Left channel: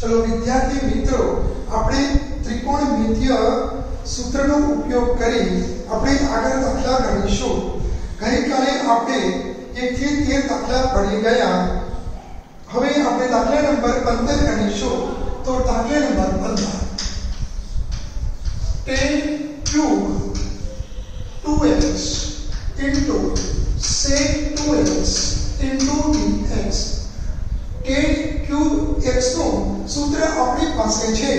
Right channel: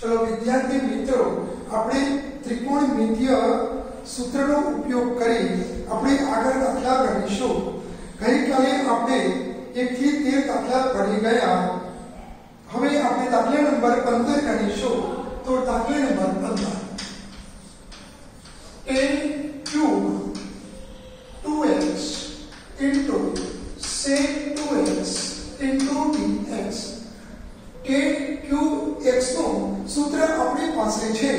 चलो विद्यार्थी मित्रों, આપણે ત્રિકોણમિતીય સૂત્રનો ઉપયોગ કરી આપણે આગળ દાખલા ગણીશું। ગઈકાલે આપણે 1 થી 13 દાખલા ભણી ગયા। હવે આપણે દાખલા નંબર 15 ગણીશું। તો દાખલા number 15 10 cube 2x into sec 2x into dx। 10 cube x નું સૂત્ર આપણી પાસે છે,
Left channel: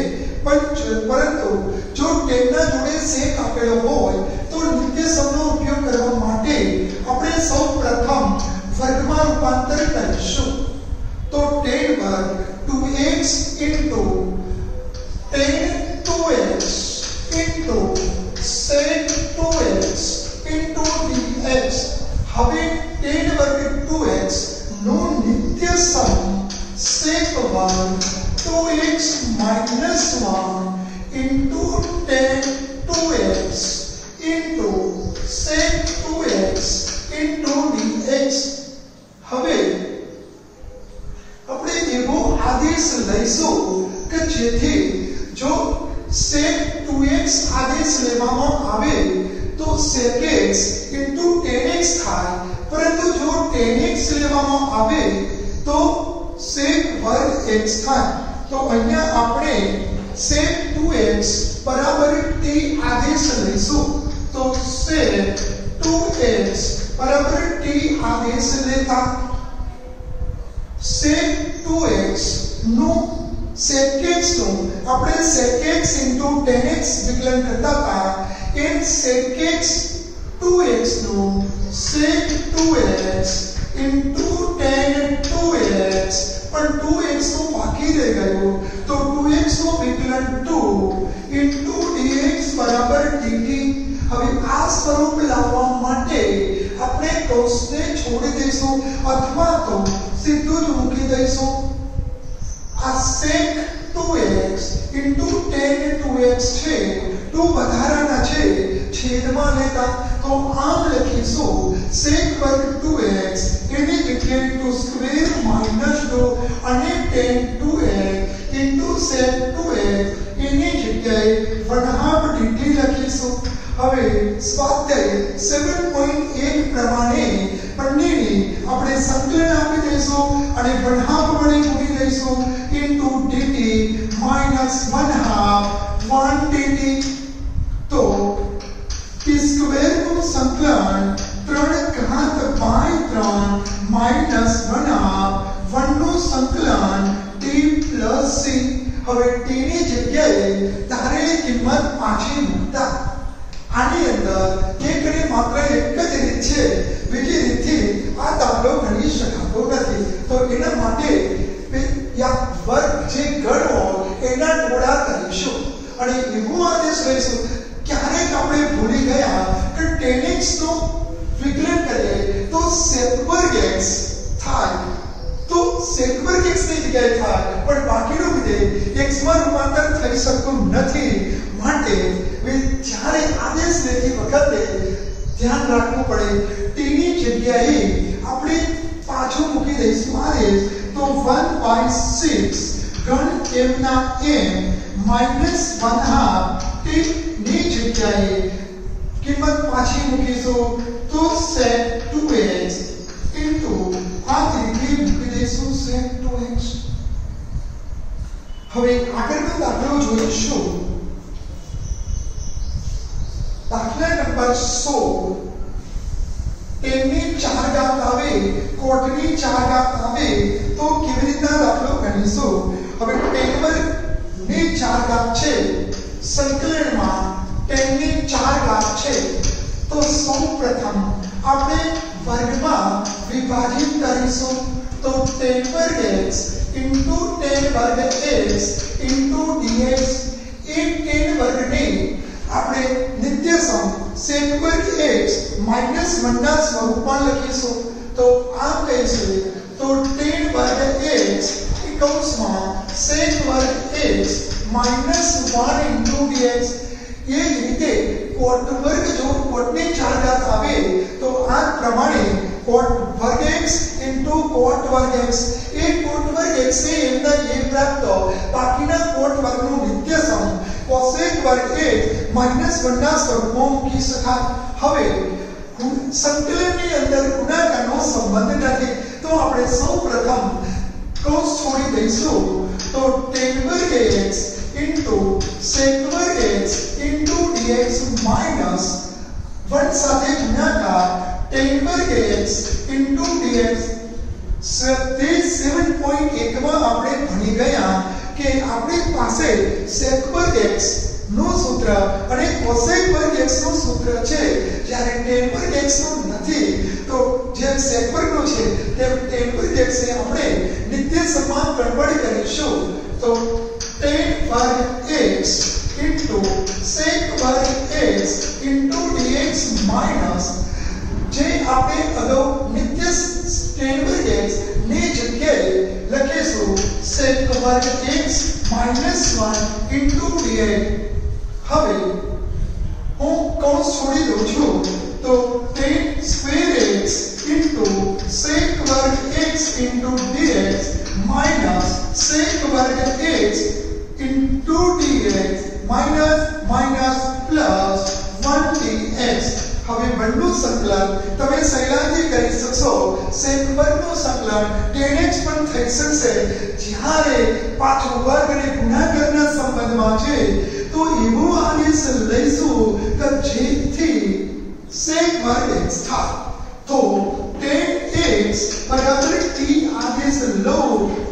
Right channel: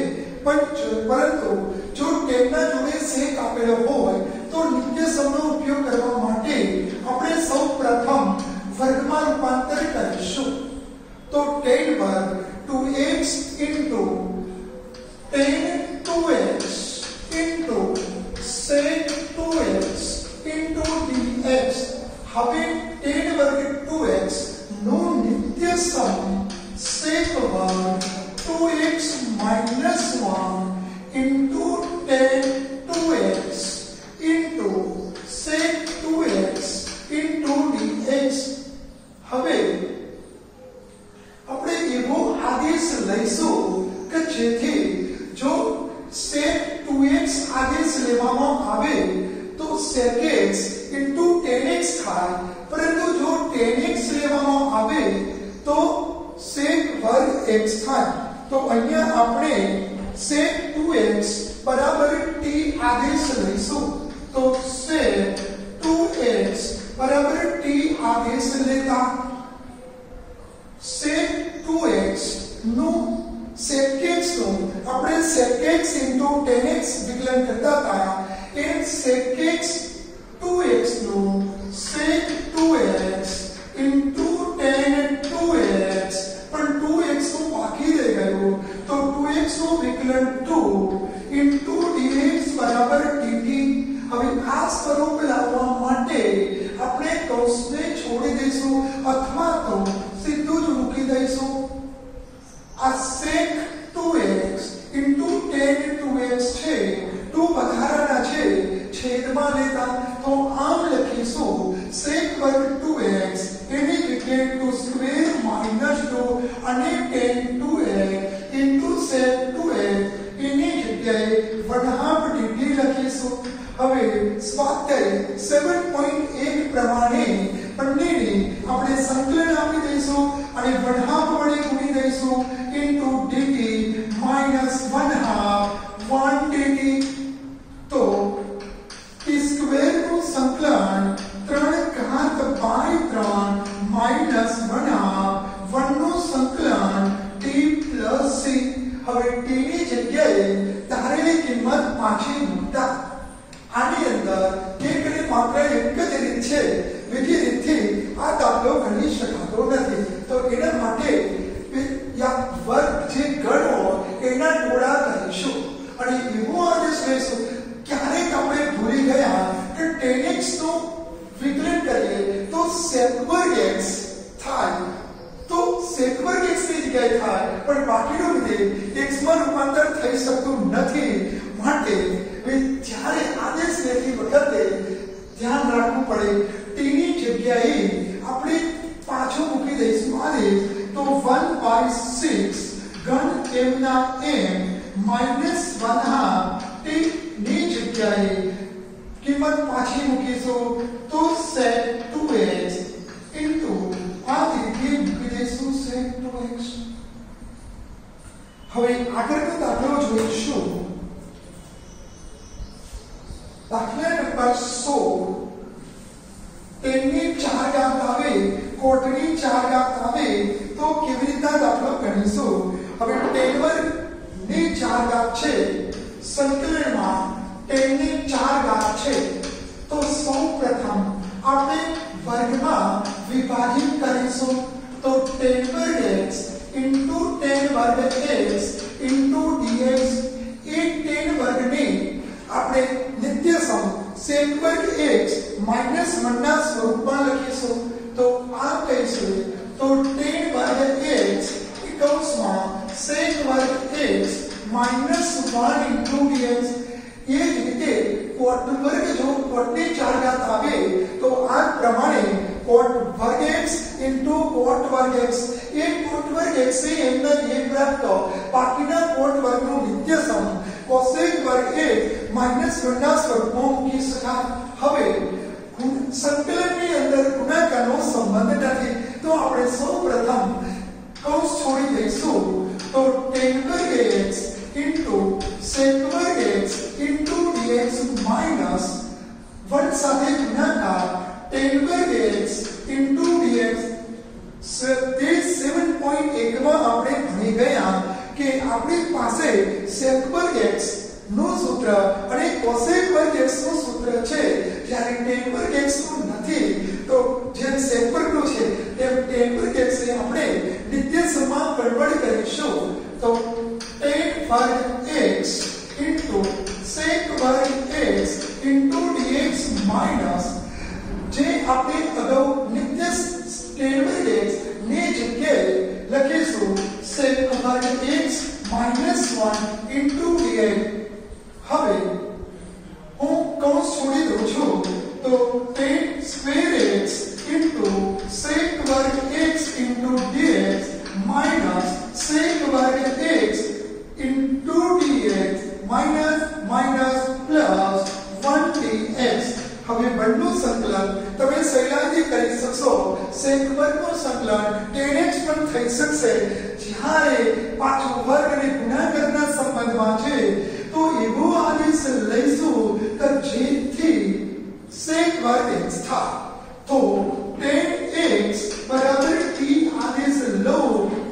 પરંતુ જો 10 ના જોડે sec આપેલો હોય તો નિત્યસમનો ઉપયોગ કરવા માટે આપણે સૌપ્રથમ વર્ગમાં રૂપાંતર કરીશું। તો 10 વર્ગ 2x into 10 2x into sec 2x into dx। હવે 10 વર્ગ 2x નો નિત્યસમ sec वर्ग 2x minus 1 into 10 2x into sec 2x into dx। હવે આપણે એવો આદેશ લઈશું કે જેથી જો sec 2x આદેશ લેવામાં આવે તો sec x into 10x થાય, પરંતુ જો 10x લેવામાં આવે તો sec વર્ગ x થાય। तो અહીંયા આપણે sec 2x बराबर t आदेश લઈશું। तो sec 2x बराबर t आदेश लेता sec 2x નું sec x નું આપણે sec x into 10x વિકલન કરતા હતા, એ sec x 2x નું sec 2x into 10 2x पर 2x को बाकी रह गयो, तो 2x को विकलन 2 into dx बराबर dt। હવે આ સ્વરૂપ લાવવા માટે આપણે કૌંસને છોડી દઈશું અથવા તો સીધું જ મૂકી દઈશું। આ sec 2x into 10 2x છે, 2 વધારાના છે છેદમાં લેતા, તો આમ લખીશું sec વર્ગ 2x એની જગ્યાએ 2 સ્ક્વેર માઈનસ 2 અને 10 2x into sec 2x એની જગ્યાએ 1/2 dt લખીશું। હવે સ્વાધ્યાય 7.1 પ્રમાણે બંનેની આપણે સંકલન આપી દઈશું અને 1/2 વડે ગુણી દઈશું into dt minus 1/2 1 dt। तो t स्क्वायर નું સંકલન 3 ઘાત બાય 3 માઈનસ 1/2 1 નું સંકલન t પ્લસ c। હવે t ની જગ્યાએ ધારેલી કિંમત પાછી મૂકતા આની અંદર એકની માત્ર એક જ રીત છે, બીજી રીતથી આ દાખલો ગણી શકાતો નથી। તો એના માટે યા વર્ગ જે ગણ હોય એના ટોળા કરીશું અને એવો આદેશ લઈશું। ક્યારેક આપણે ભૂલી ગયા કે 10x નું વિકલન કરીએ તો sec વર્ગ x થાય, તો sec વર્ગ x ની જગ્યાએ થાય, પણ બાકીનું વિધેય x માં રૂપાંતર થઈ શકતું નથી। માટે જ્યારે આદેશ લેતી વખતે ધ્યાન રાખવું પડે, t ની જગ્યાએ આપણે પાછો મૂકી દઈશું આદેશ, તો 1/6 ઘન m ના m minus 1/2 t ની જગ્યાએ કિંમત પાછી મૂકીશું, તો sec 2x into આ રીતે મૂકી દઈશું sec 2x। હવે આગળનો દાખલો જોઈશું। દાખલા નંબર 16 10 ની 4 ઘાત આવે, કોટની 4 ઘાત આવે તો કેવી રીતના દાખલો ગણીશું। હવે 10 વર્ગ ની 4 ઘાત છે, સંકલનમાં 10 ની 4 ઘાત છે, તો સૌપ્રથમ આપણે વર્ગમાં વિભાજિત કરીશું। તો 10 વર્ગ x into 10 વર્ગ x into dx। એ 10 વર્ગને આપણે નિત્યસમ sec વર્ગ x minus 1 ના સ્વરૂપમાં લખીશું। તો આમ કહીશું, તો 10 વર્ગ x કૌંસમાં sec વર્ગ x minus 1 into dx। એ જ રીતે કોટ વર્ગ જો કોટની 4 ઘાત આવે તો આ પ્રમાણે કોટ વર્ગ x into કોટ વર્ગ x। એ કોટ વર્ગ x ને એમના એ પ્રાપ્ત वर्ग x -1 ના સ્વરૂપમાં મૂકી શકાય। હવે સંકલનની અંદર ગુણાકારનો સંબંધ નથી તો આપણે સૌપ્રથમ કૌંસ છોડી દઈશું તો tan વર્ગ x sec વર્ગ x dx માઈનસ 1 સાથે ગુણાકાર tan વર્ગ x dx। તે 7.1 માં આપણે ભણી ગયા કે આપણી પાસે sec વર્ગ x નું સૂત્ર અને cosec વર્ગ x નું સૂત્ર છે જ્યારે tan વર્ગ x નું નથી તો જેમ sec વર્ગ નું છે તેમ tan વર્ગ x ને આપણે નિત્યસમમાં કન્વર્ટ કરીશું તો tan વર્ગ x sec વર્ગ x dx માઈનસ જે આપણે અગાઉ નિત્ય tan વર્ગ x ની જગ્યાએ લખીશું sec વર્ગ x -1 dx। હવે હું કૌંસ છોડી દઉં છું તો tan સ્ક્વેર x sec વર્ગ x dx માઈનસ sec વર્ગ x dx minus plus 1 dx। હવે બંનેનું સંકલન તમે સહેલાઈથી કરી શકશો। sec વર્ગનું સંકલન tan x પણ થઈ શકશે જ્યારે પાછો વર્ગ અને ગુણાકારના સંબંધમાં છે તો એવો આદેશ લઈશું કે જેથી sec વર્ગ x થાય તો tan x બરાબર t આદેશ લો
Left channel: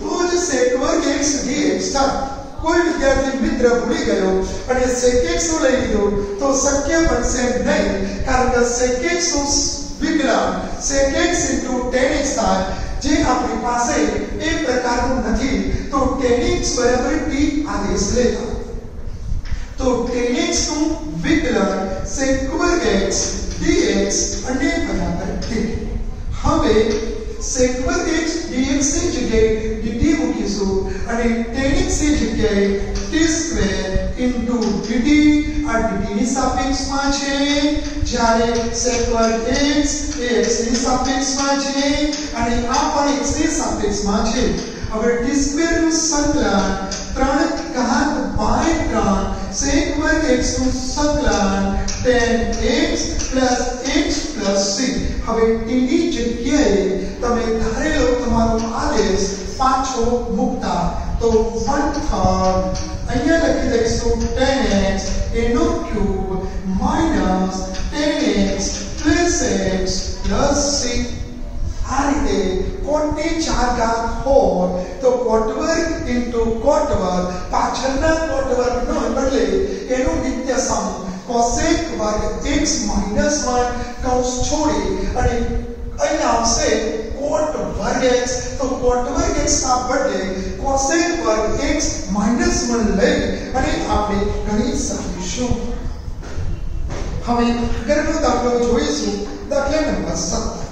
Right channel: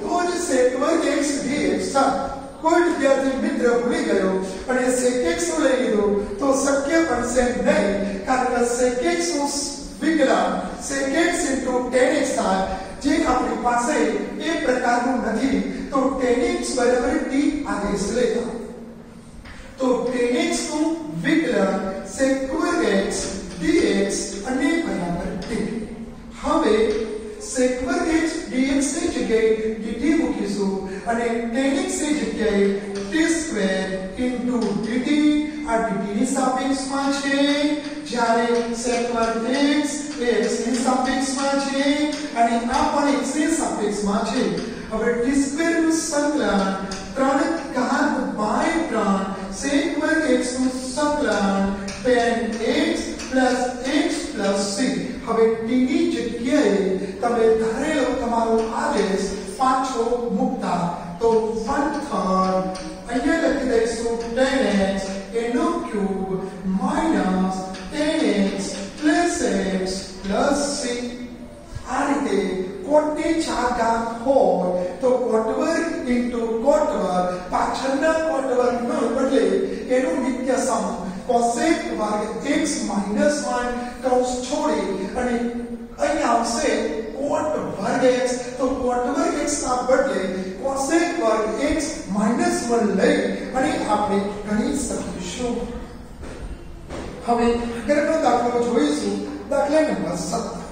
તો જ sec વર્ગ x dx થાય। કોઈ વિદ્યાર્થી મિત્ર ભૂલી ગયો અને sec x નું લઈ લીધું તો શક્ય બનશે નહીં કારણ કે sec x નું વિકલન sec x tan x થાય જે આપણી પાસે એ પ્રકારનું નથી તો tan x બરાબર t આદેશ લેતા તો tan x નું વિકલન sec વર્ગ x dx અને બરાબર t। હવે sec વર્ગ x dx ની જગ્યાએ dt મૂકીશું અને tan x ની જગ્યાએ t સ્ક્વેર dt આ dt ની સાપેક્ષમાં છે જ્યારે sec વર્ગ x એ x ની સાપેક્ષમાં છે અને આ પણ x ની સાપેક્ષમાં છે। હવે t સ્ક્વેર નું સંકલન 3/3 sec વર્ગ x નું સંકલન tan x x c। હવે t ની જગ્યાએ તમે ધારેલો તમારો આદેશ પાછો મૂકતા તો 1/3 અહીંયા લખી દઈશું tan x એનો cube minus tan x x c। આ રીતે કોટની 4 ઘાત હોય તો કોટ વર્ગ કોટ વર્ગ પાછળના કોટ વર્ગનો બદલે એનું નિત્ય સમ cosec વર્ગ x -1 કૌંસ છોડી અને અહીં આવશે કોટ વર્ગ x તો કોટ વર્ગ x ના બદલે cosec વર્ગ x -1 લઈ અને આપણે ગણી શકીશું। હવે આગળનો દાખલો જોઈશું દાખલા નંબર 17।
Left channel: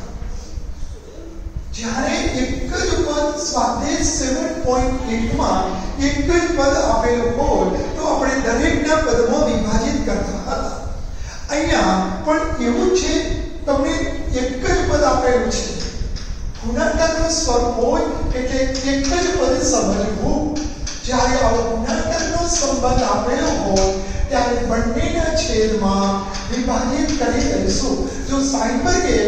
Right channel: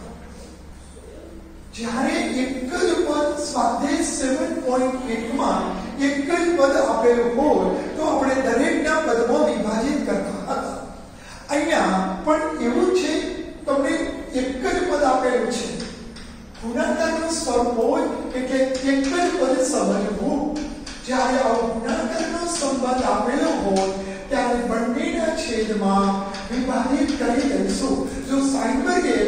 જ્યારે એક જ પદ સ્વાધ્યાય 7.8 માં એક જ પદ આપેલું હોય તો આપણે દરેકના પદમાં વિભાજિત કરતા હતા। અહીંયા પણ એવું છે તમને એક જ પદ આપેલું છે ગુણાકારનું સ્વરૂપ હોય એટલે એક જ પદ સમજવું। જ્યારે આવો ગુણાકારનો સંબંધ આપેલો હોય ત્યારે બંનેના છેદમાં વિભાજિત કરી દઈશું। જો sin વર્ગ x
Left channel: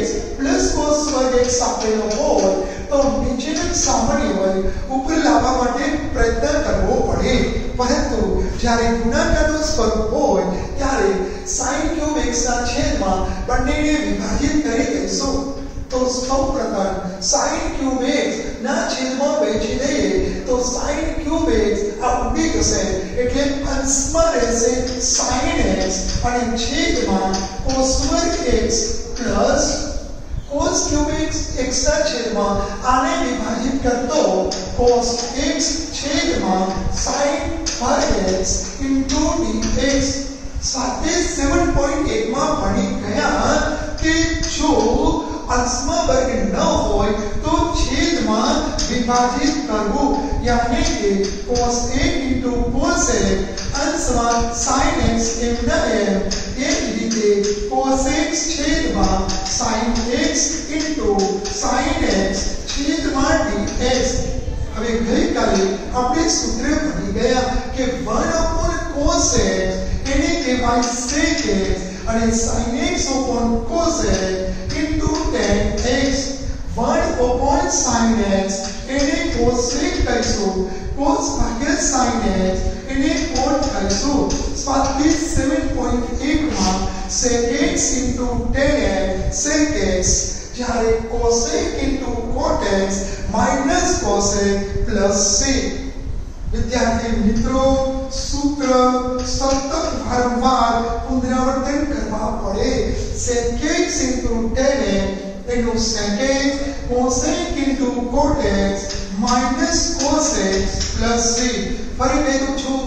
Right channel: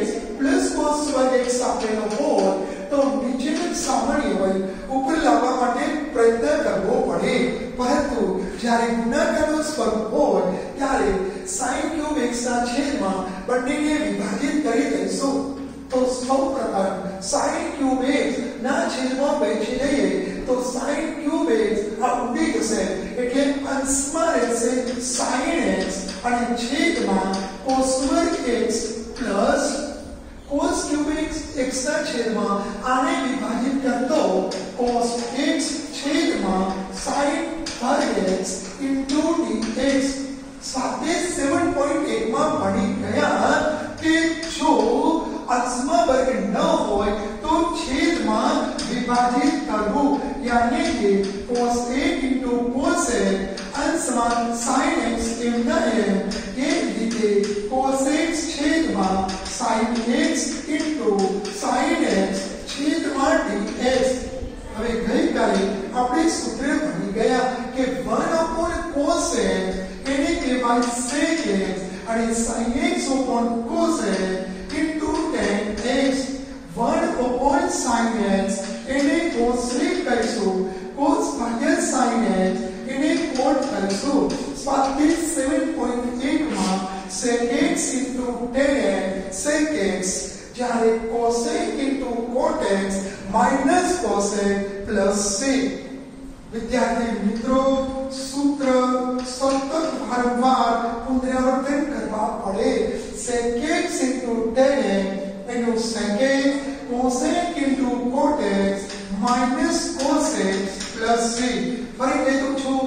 cos વર્ગ x આપેલો હોય તો નીચેનું સામાન્ય હોય ઉપર લાવવા માટે પ્રયત્ન કરવો પડે પરંતુ જ્યારે ગુણાકારનું સ્વરૂપ હોય ત્યારે sin ક્યુબ x ના છેદમાં બંનેને વિભાજિત કરી દઈશું। તો સૌપ્રથમ sin ક્યુબ x ના છેદમાં વહેંચી દઈએ તો sin ક્યુબ x આ ઉડી જશે એટલે અંશમાં રહેશે sin x અને છેદમાં cos વર્ગ x plus cos cube x x ના છેદમાં આને વિભાજિત કરતો cos x છેદમાં sin વર્ગ x dx। સ્વાધ્યાય 7.1 માં ભણી ગયા કે જો અંશમાં વર્ગ ન હોય તો છેદમાં વિભાજિત કરવું यानी कि cos a cos a અંશમાં sin x એમના એમ એ રીતે cos x છેદમાં sin x sin x છેદમાં dx। હવે ગઈકાલે આપણે સૂત્ર ભણી ગયા કે 1/cos x એને કહેવાય sec x અને sin x upon cos x into tan x 1 upon sin x એને cosec કહીશું cos ભાગ્યા sin x એને cot કહીશું સ્વાધ્યાય 7.1 માં sec x into tan x sec x જ્યારે cosec into cot x minus cosec plus sec વિદ્યાર્થી મિત્રો સૂત્ર સતત વારંવાર પુનરાવર્તન કરવા પડે sec x into tan x એનું sec x cosec into cot x minus cosec plus sec ફરી કહી દઉં છું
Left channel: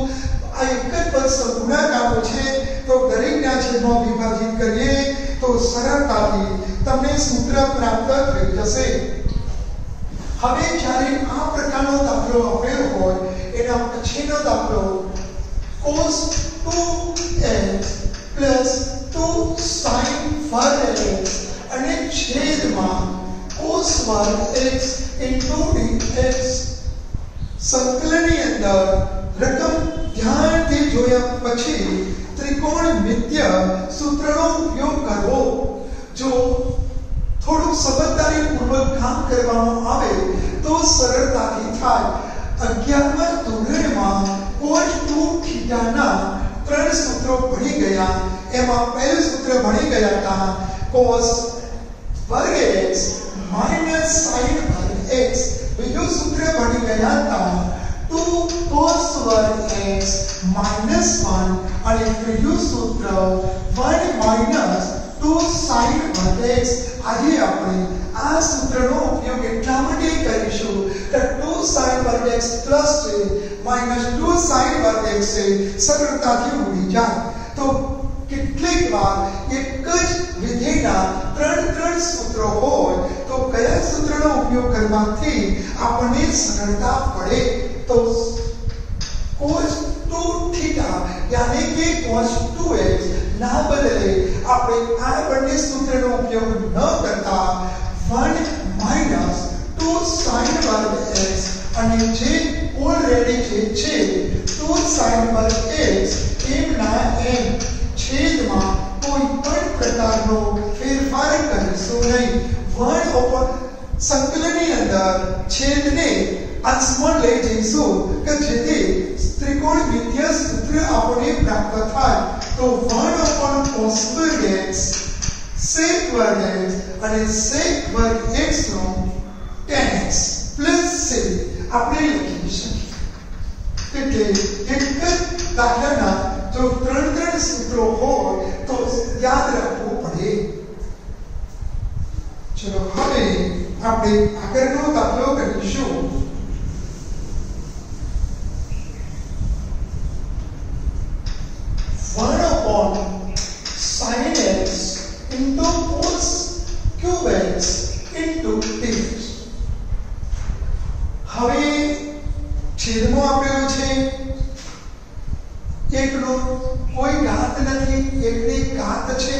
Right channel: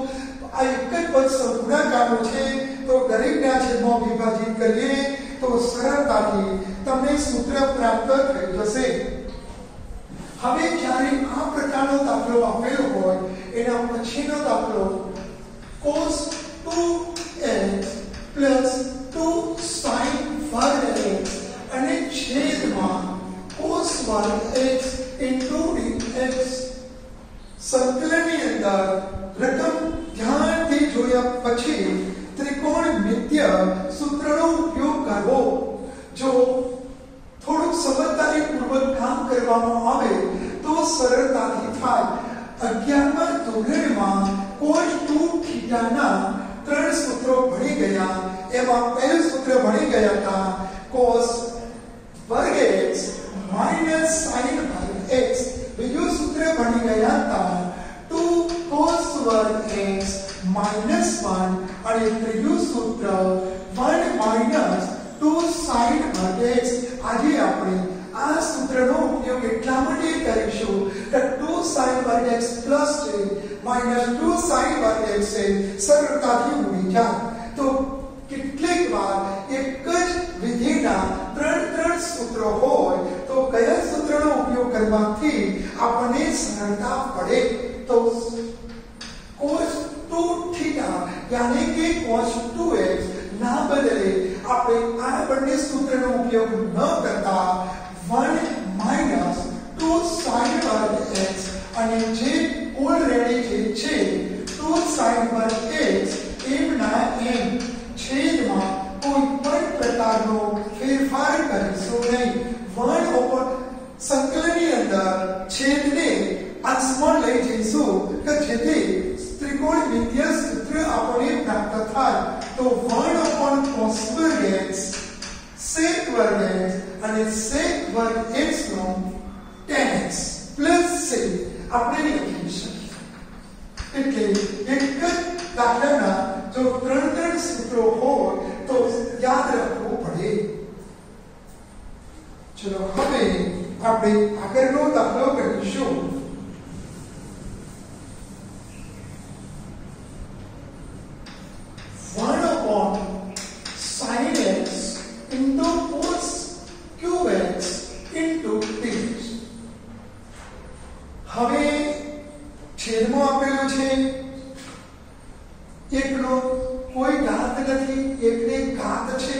આ એક જ પદ ગુણાકારનો છે તો દરેકના છેદમાં વિભાજિત કરીએ તો સરળતાથી તમને સૂત્ર પ્રાપ્ત થઈ જશે હવે જ્યારે આ પ્રકારનો દાખલો આપેલો હોય એના પછીનો દાખલો cos 2x plus 2 sin વર્ગ x અને છેદમાં cos વર્ગ x into dx સંકલનની અંદર રકમ ધ્યાનથી જોયા પછી ત્રિકોણમિતિય સૂત્રનો ઉપયોગ કરવો જો થોડું સમજદારીપૂર્વક કામ કરવામાં આવે તો સરળતાથી થાય 11મા ધોરણમાં cos 2θ ના ત્રણ સૂત્રો ભણી ગયા એમાં પહેલું સૂત્ર ભણી ગયા હતા cos વર્ગ x minus sin વર્ગ x બીજું સૂત્ર ભણી ગયા હતા 2 cos વર્ગ x minus 1 અને ત્રીજું સૂત્ર 1 minus 2 sin વર્ગ x આજે આપણે આ સૂત્રનો ઉપયોગ એટલા માટે કરીશું કે 2 sin વર્ગ x plus છે minus 2 sin વર્ગ x છે સરળતાથી ઉડી જાય તો કેટલીક વાર એક જ વિધિના ત્રણ સૂત્રો હોય તો કયા સૂત્રનો ઉપયોગ કરવાથી આપણને સરળતા પડે તો cos 2θ यानी कि cos 2x ના બદલે આપણે આ બંને સૂત્રનો ઉપયોગ ન કરતા 1 minus 2 sin વર્ગ x અને જે ઓલરેડી છે 2 sin વર્ગ x એમના એમ છેદમાં કોઈ પણ પ્રકારનો ફેરફાર કરીશું નહીં 1 ઉપર સંકલનની અંદર છેદને અંશમાં લઈ જઈશું કે જેથી ત્રિકોણમિતિય સૂત્ર આપણે પ્રાપ્ત થાય તો 1 upon cos વર્ગ x sec વર્ગ x અને sec વર્ગ x નો tan x plus sec આપણે લખી શકીએ એટલે એક જ દાખલાના જો ત્રણ સૂત્રો હોય તો યાદ રાખવું પડે ચલો હવે આપણે આગળનો દાખલો કરીશું 1 upon sin x into cos cube x into dx હવે છેદમાં આપેલું છે એકનો કોઈ ઘાત નથી એકની ઘાત છે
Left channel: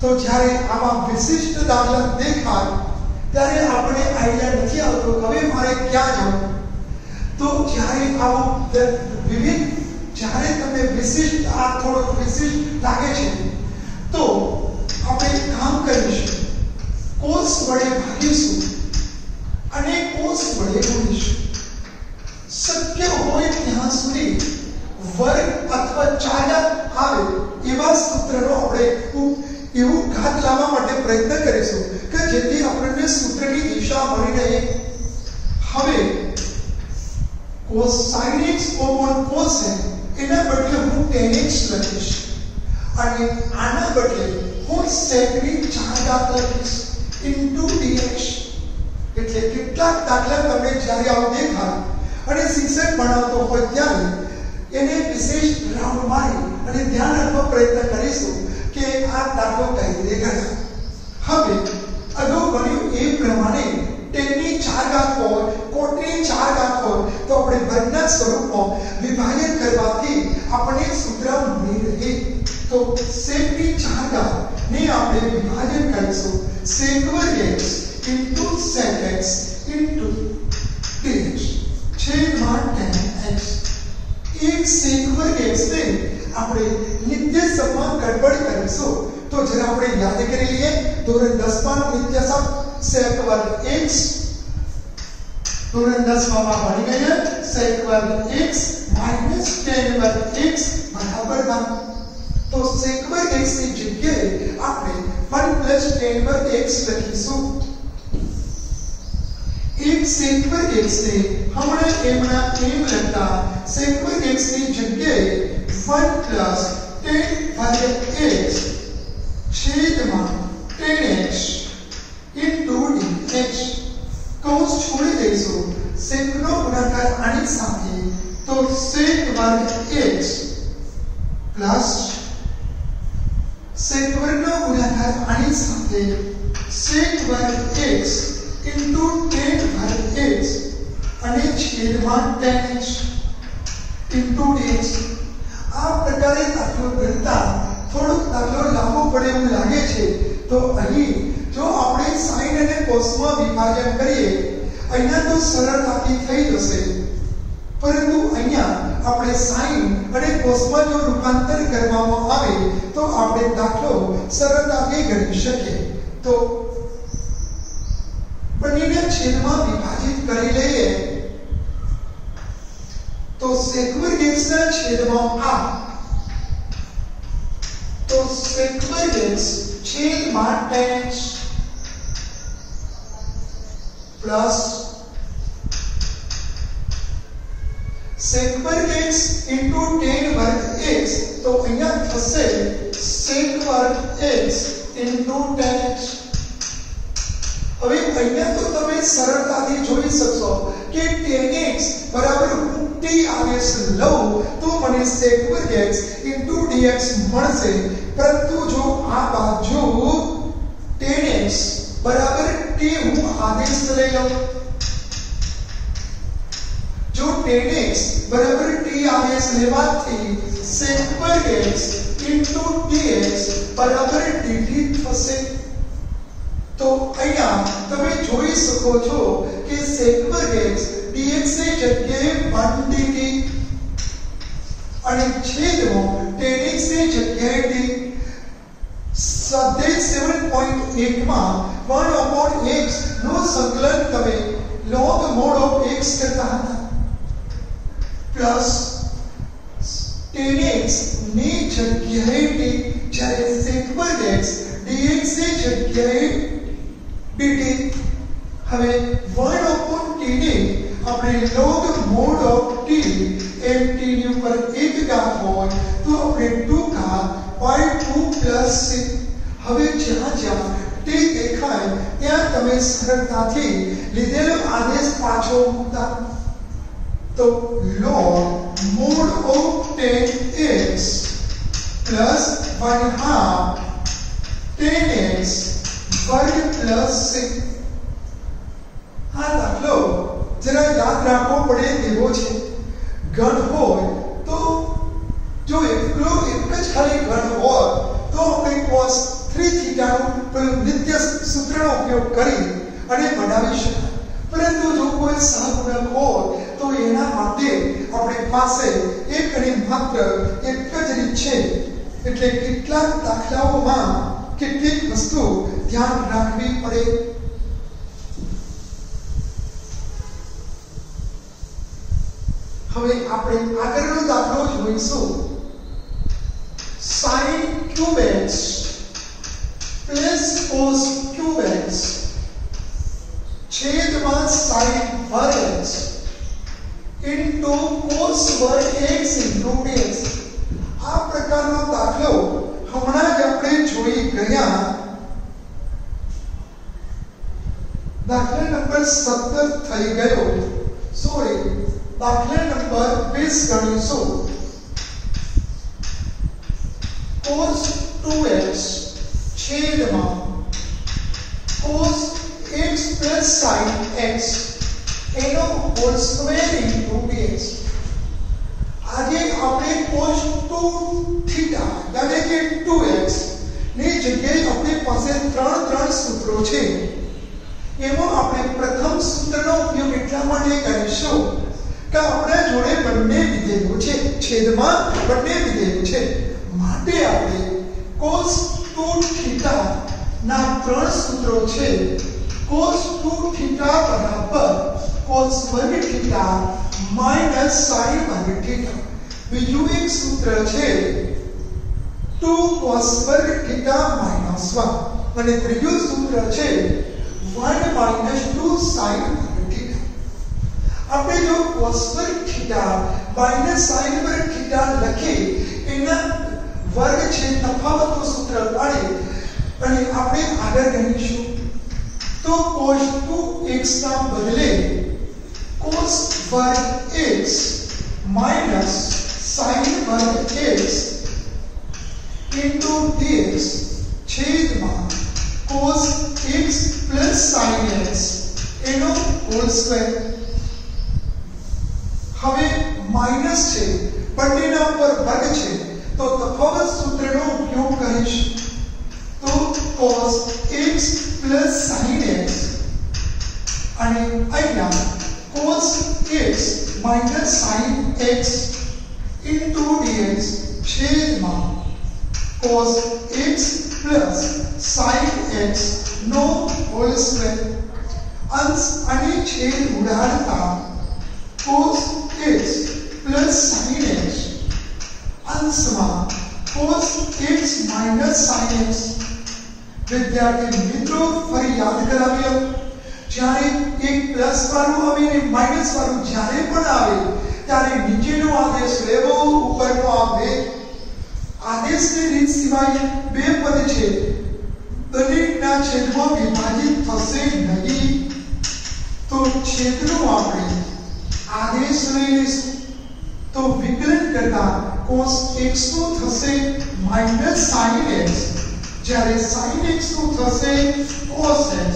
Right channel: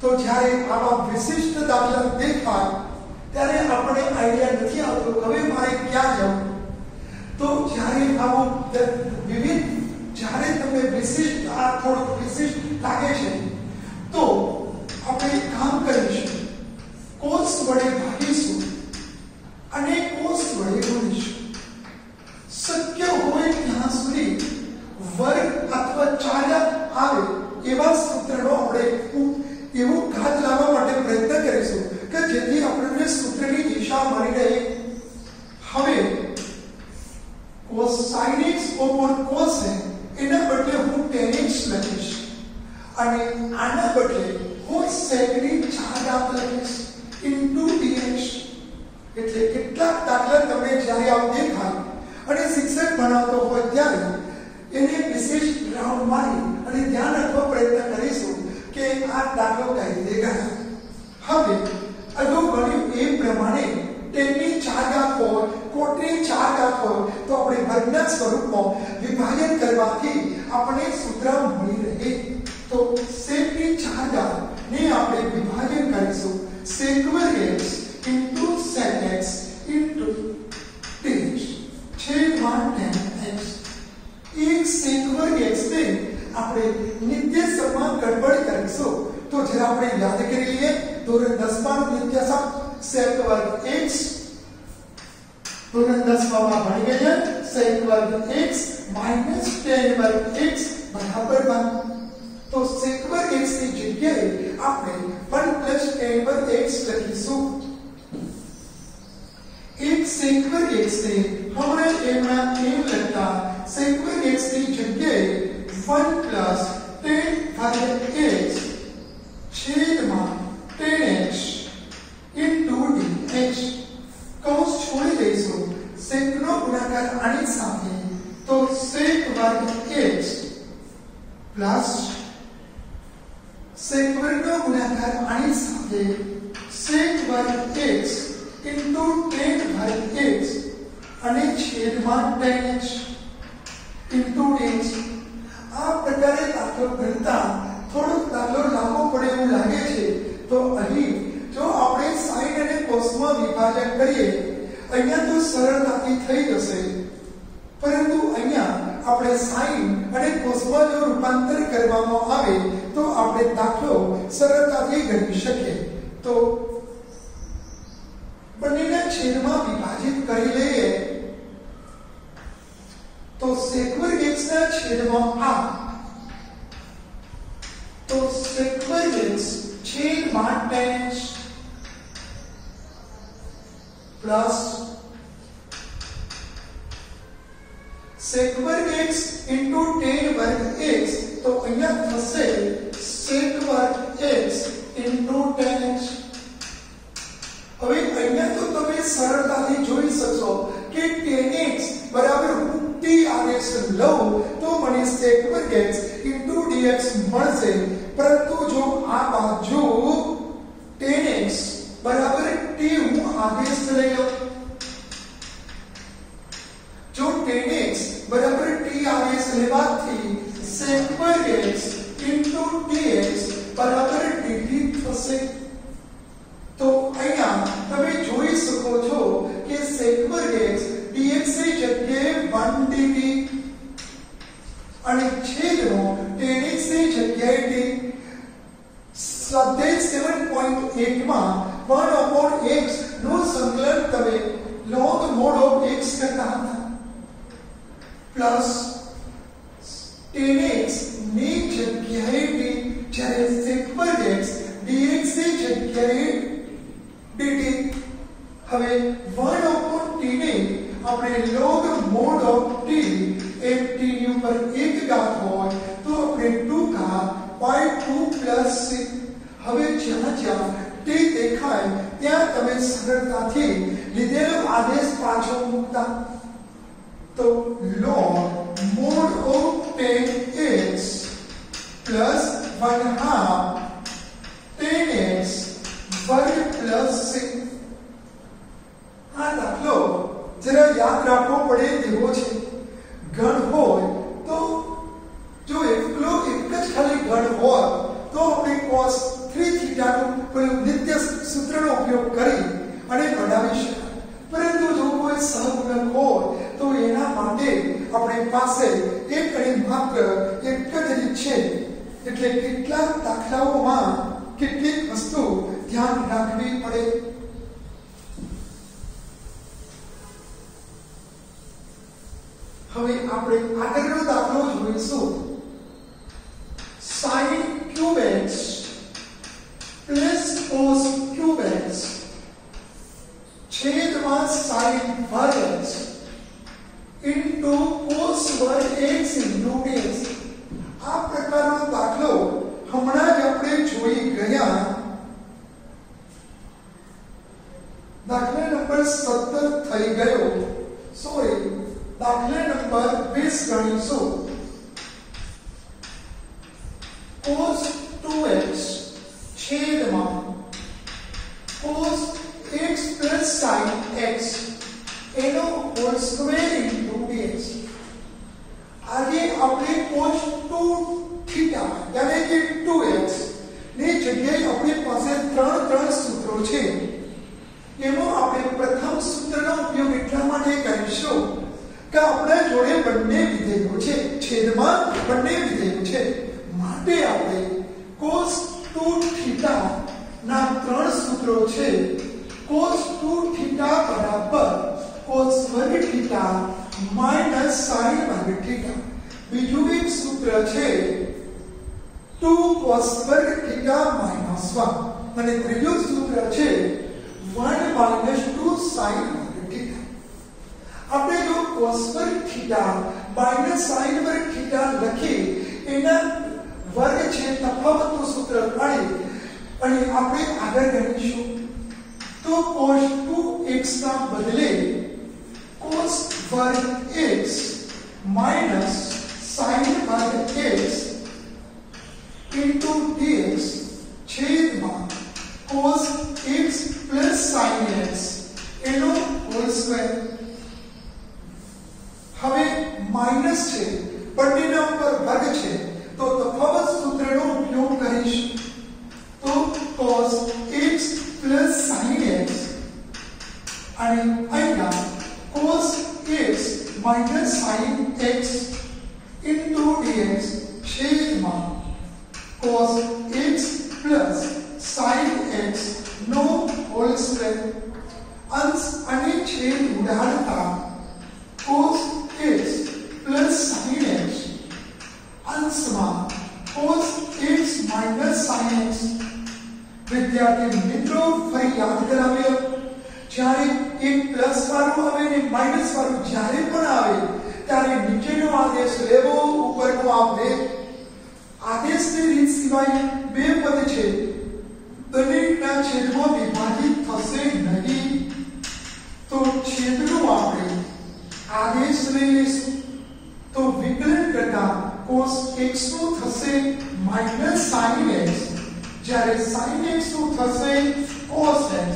તો જ્યારે આવા વિશિષ્ટ દાખલા દેખાય ત્યારે આપણે આઈડિયા નથી આવતો હવે મારે ક્યાં જવું તો જ્યારે આવો વિવિધ જ્યારે તમે વિશિષ્ટ આ થોડો વિશિષ્ટ લાગે છે તો આપણે કામ કરીશું cos વડે ભાગીશું અને cos વડે ગુણીશું શક્ય હોય ત્યાં સુધી વર્ગ અથવા ચાલક આવે એવા સૂત્રનો આપણે એવું ઘાત લાવવા માટે પ્રયત્ન કરીશું કે જેથી આપણને સૂત્રની દિશા મળી રહે હવે cos sin x upon cos x એના બદલે હું tan x લખીશ અને આના બદલે હું sec ની 4 ઘાત લખીશ into dx એટલે કેટલાક દાખલા તમને જ્યારે આવું દેખાય અને શિક્ષક ભણાવતો હોય ત્યારે એને વિશેષ ગ્રાઉન્ડ મારી અને ધ્યાન રાખવા પ્રયત્ન કરીશું કે આ દાખલો કઈ રીતે ગણાય હવે અગાઉ બન્યું એ પ્રમાણે ટેનની 4 ઘાત હોય કોટની 4 ઘાત હોય તો આપણે વર્ગના સ્વરૂપમાં વિભાજન કરવાથી આપણે સૂત્ર મળી રહે તો sec ની 4 ઘાત ને આપણે વિભાજન કરીશું sec વર્ગ x into sec x into dx છેદમાં tan x એક sec વર્ગ x ને આપણે નિત્યસમમાં ગડબડ કરીશું તો જરા આપણે યાદ કરી લઈએ ધોરણ 10 માં નિત્યસમ sec વર્ગ x ધોરણ 10 માં ભણી ગયા sec વર્ગ x માઈનસ tan વર્ગ x બરાબર 1 તો sec વર્ગ x ની જગ્યાએ આપણે 1 પ્લસ tan વર્ગ x લખીશું एक sec वर्ग x से हमने एमना एम लखता sec वर्ग x ની જગ્યાએ 1 પ્લસ tan વર્ગ x છેદમાં tan x into dx કૌંસ છોડી દઈશું sec નો ગુણાકાર આની સાથે તો sec વર્ગ x પ્લસ sec વર્ગનો ગુણાકાર આની સાથે sec વર્ગ x into tan वर्ग x અને છેદમાં tan x into dx આ પ્રકારે દાખલો ગણતા થોડુંક દાખલો લાંબો પડે એવું લાગે છે તો અહીં જો આપણે sin અને cos માં વિભાજન કરીએ અહીંયા તો સરળતાથી થઈ જશે પરંતુ અહીંયા આપણે sin અને cos માં જો રૂપાંતર કરવામાં આવે તો આપણે દાખલો સરળતાથી ગણી શકીએ તો બંનેને છેદમાં વિભાજિત કરી લઈએ તો sec વર્ગ x ના છેદમાં આ તો sec વર્ગ x છેદમાં tan x પ્લસ sec વર્ગ x into tan વર્ગ x તો અહીંયા થશે sec વર્ગ x into tan x હવે અહીંયા તો તમે સરળતાથી જોઈ શકશો કે tan x બરાબર t આવેશ લઉં તો મને sec વર્ગ x into dx મળશે પરંતુ જો આ બાજુ tan x બરાબર t હું આદેશ લઈ લઉં જો tan x બરાબર t આદેશ લેવાથી sec વર્ગ x into dx બરાબર dt થશે तो અહીંયા તમે જોઈ શકો છો કે sec વર્ગ x dx ની જગ્યાએ 1 dt અને છેદમાં tan x ની જગ્યાએ d સ્વાધ્યાય 7.1 માં 1/x નું સંકલન તમે log mod of x કરતા હતા પ્લસ tan x ની જગ્યાએ d જ્યારે sec વર્ગ x dx ની જગ્યાએ dt હવે 1/t ને આપણે log mod of t M t ની ઉપર એક ઘાત હોય તો આપણે 2 ઘાત pi 2 plus 6 હવે જ્યાં જ્યાં t દેખાય ત્યાં તમે સરળતાથી લીધેલો આદેશ પાછો મૂકતા તો log mod of tan x plus 1/2 tan x वर्ग प्लस 6 આ દાખલો જરા યાદ રાખવો પડે તેવો છે ગણ હોય તો જો એકલો એક જ ખાલી ગણ હોય તો આપણે cos 3 થીટાનું પેલું નિત્ય સૂત્રનો ઉપયોગ કરી અને બનાવી શકાય પરંતુ જો કોઈ સહગુણક હોય તો એના માટે આપણી પાસે એક અને માત્ર એક જ રીત છે એટલે કેટલાક દાખલાઓમાં કેટલીક વસ્તુ ધ્યાન રાખવી પડે હવે આપણે આગળનો દાખલો જોઈશું sin cube x plus cos cube x છેદમાં sin વર્ગ x into cos વર્ગ x into dx આ પ્રકારનો દાખલો હમણાં જ આપણે જોઈ ગયા દાખલા નંબર 17 થઈ ગયો સોરી દાખલા નંબર 20 ગણીશું cos 2x છેદમાં cos x plus sin x એનો હોલ સ્ક્વેર ઇન્ટુ dx आगे આપણે cos 2 થીટા એટલે કે 2x ની જગ્યાએ આપણી પાસે ત્રણ સૂત્રો છે એમાં આપણે પ્રથમ સૂત્રનો ઉપયોગ એટલા માટે કરીશું કે આપણા જોડે બંને વિધેયો છે, છેદમાં બંને વિધેયો છે, માટે આપણે cos 2 થીટા ના ત્રણ સૂત્રો છે. cos 2 થીટા બરાબર cos વર્ગ થીટા માઈનસ sin વર્ગ થીટા. બીજું એક સૂત્ર છે 2 cos વર્ગ થીટા માઈનસ 1 અને ત્રીજું સૂત્ર છે 1 માઈનસ 2 sin વર્ગ થીટા. આપણે જો cos વર્ગ થીટા માઈનસ sin વર્ગ થીટા લખી એના વર્ગ છે તફાવતનું સૂત્ર કાઢી અને આપણે આગળ ગણીશું તો cos 2x ના બદલે cos વર્ગ x માઈનસ sin વર્ગ x into dx છેદમાં cos x plus sin x એનો હોલ સ્ક્વેર. હવે માઈનસ છે, બંનેના ઉપર વર્ગ છે, તો તફાવત સૂત્રનો ઉપયોગ કરીશું. તો cos x plus sin x અને અહીંયા cos x minus sin x into dx છેદમાં cos x plus sin x નો હોલ સ્ક્વેર. અંશ અને છેદ ઉડાડતા cos x plus sin x અંશમાં cos x minus sin x. વિદ્યાર્થી મિત્રો ફરી યાદ કરાવીએ, જ્યારે એક પ્લસ વાળું આવે ને માઈનસ વાળું જ્યારે પણ આવે ત્યારે નીચેનો આદેશ લેવો, ઉપરનો આવે. આદેશની રીત સિવાય બે પદ છે, દરેકના છેદમાં વિભાજિત થશે નહીં. તો છેદનો આપણે આદેશ લઈ લઈશું. તો વિકલન કરતા cos x નું થશે માઈનસ sin x, જ્યારે sin x નું થશે cos x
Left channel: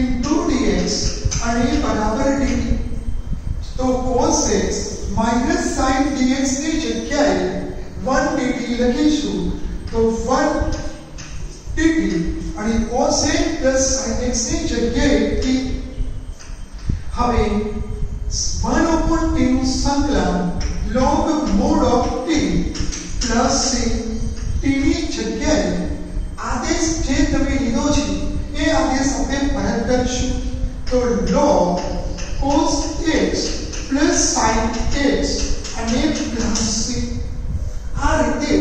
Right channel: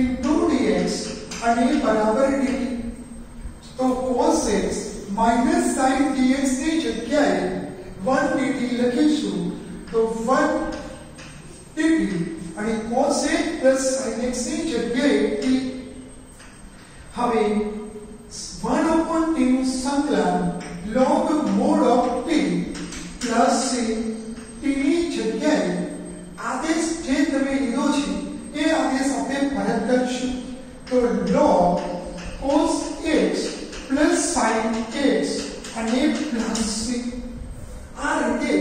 into dx અને બરાબર dt. તો cos x minus sin dx ની જગ્યાએ 1 dt લખીશું. તો 1 dt અને cos x plus sin x ની જગ્યાએ t. હવે 1 upon t નું સંકલન log mod of t plus c. t ની જગ્યાએ આદેશ જે તમે લીધો છે એ આદેશ આપણે પરત કરીશું. તો log cos x plus sin x અને plus c. આ રીતે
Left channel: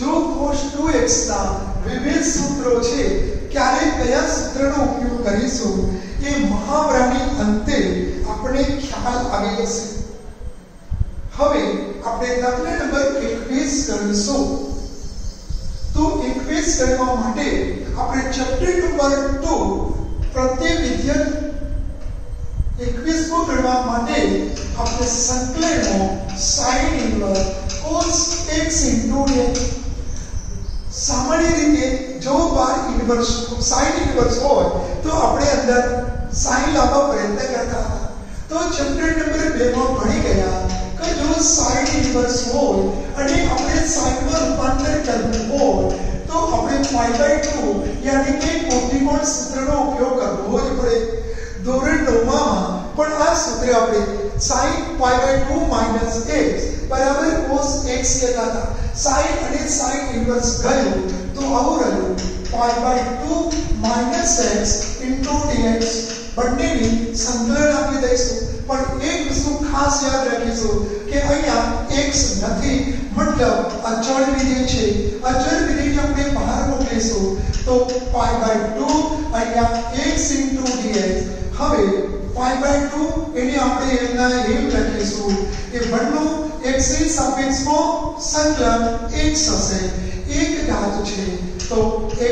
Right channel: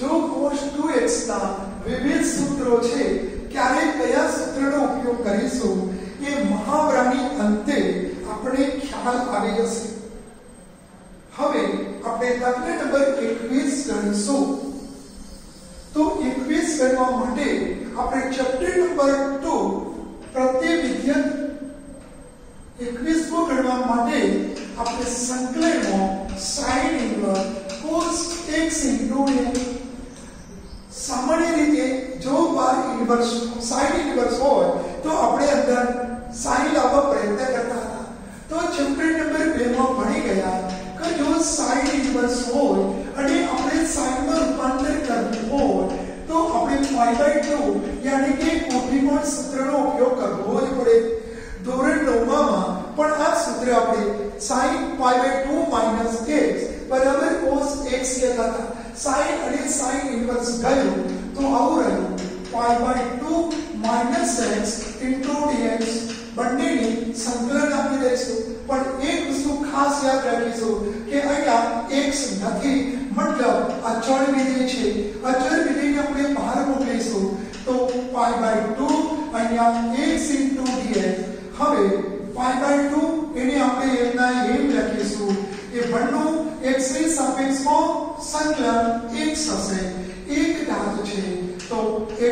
જો cos 2x ના વિવિધ સૂત્રો છે, ક્યારે કયા સૂત્રનો ઉપયોગ કરીશું એ મહાવરાની અંતે આપણે ખ્યાલ આવી જશે. હવે આપણે દાખલા નંબર 21 ગણીશું. તો 21 કરવા માટે આપણે ચેપ્ટર નંબર 2 પ્રત્યવિધેય 21 કો ગણવા માટે આપણે સંકલનમાં sin inverse cos x into x. સામાન્ય રીતે જો બાર ઇન્વર્સ sin ઇન્વર્સ હોય તો આપણે અંદર sin લાવવા પ્રયત્ન કરતા હતા. તો ચેપ્ટર નંબર 2 માં ભણી ગયા કે જો sin ઇન્વર્સ હોય અને આપણે sin માં રૂપાંતર કરવું હોય તો આપણે pi/2 યાની કે કોટીકોણ સૂત્રનો ઉપયોગ કરવો જ પડે. ધોરણ 9 માં પણ આ સૂત્ર આપણે sin pi/2 minus x બરાબર cos x લેતા હતા. sin અને sin ઇન્વર્સ ગયું તો આવું રહ્યું pi/2 minus x into dx. બંનેની સંકલન આપી દઈશું. પણ એક વસ્તુ ખાસ યાદ રાખીશું કે અહીંયા x નથી, મતલબ અચળ વિધેય છે. અચળ વિધેયને આપણે બહાર મૂકીશું તો pi/2 અહીંયા x into dx. હવે pi/2 એને આપણે એના એમ લખીશું કે બંને x ની સાપેક્ષમાં સંકલન x હશે. એક ઘાત છે તો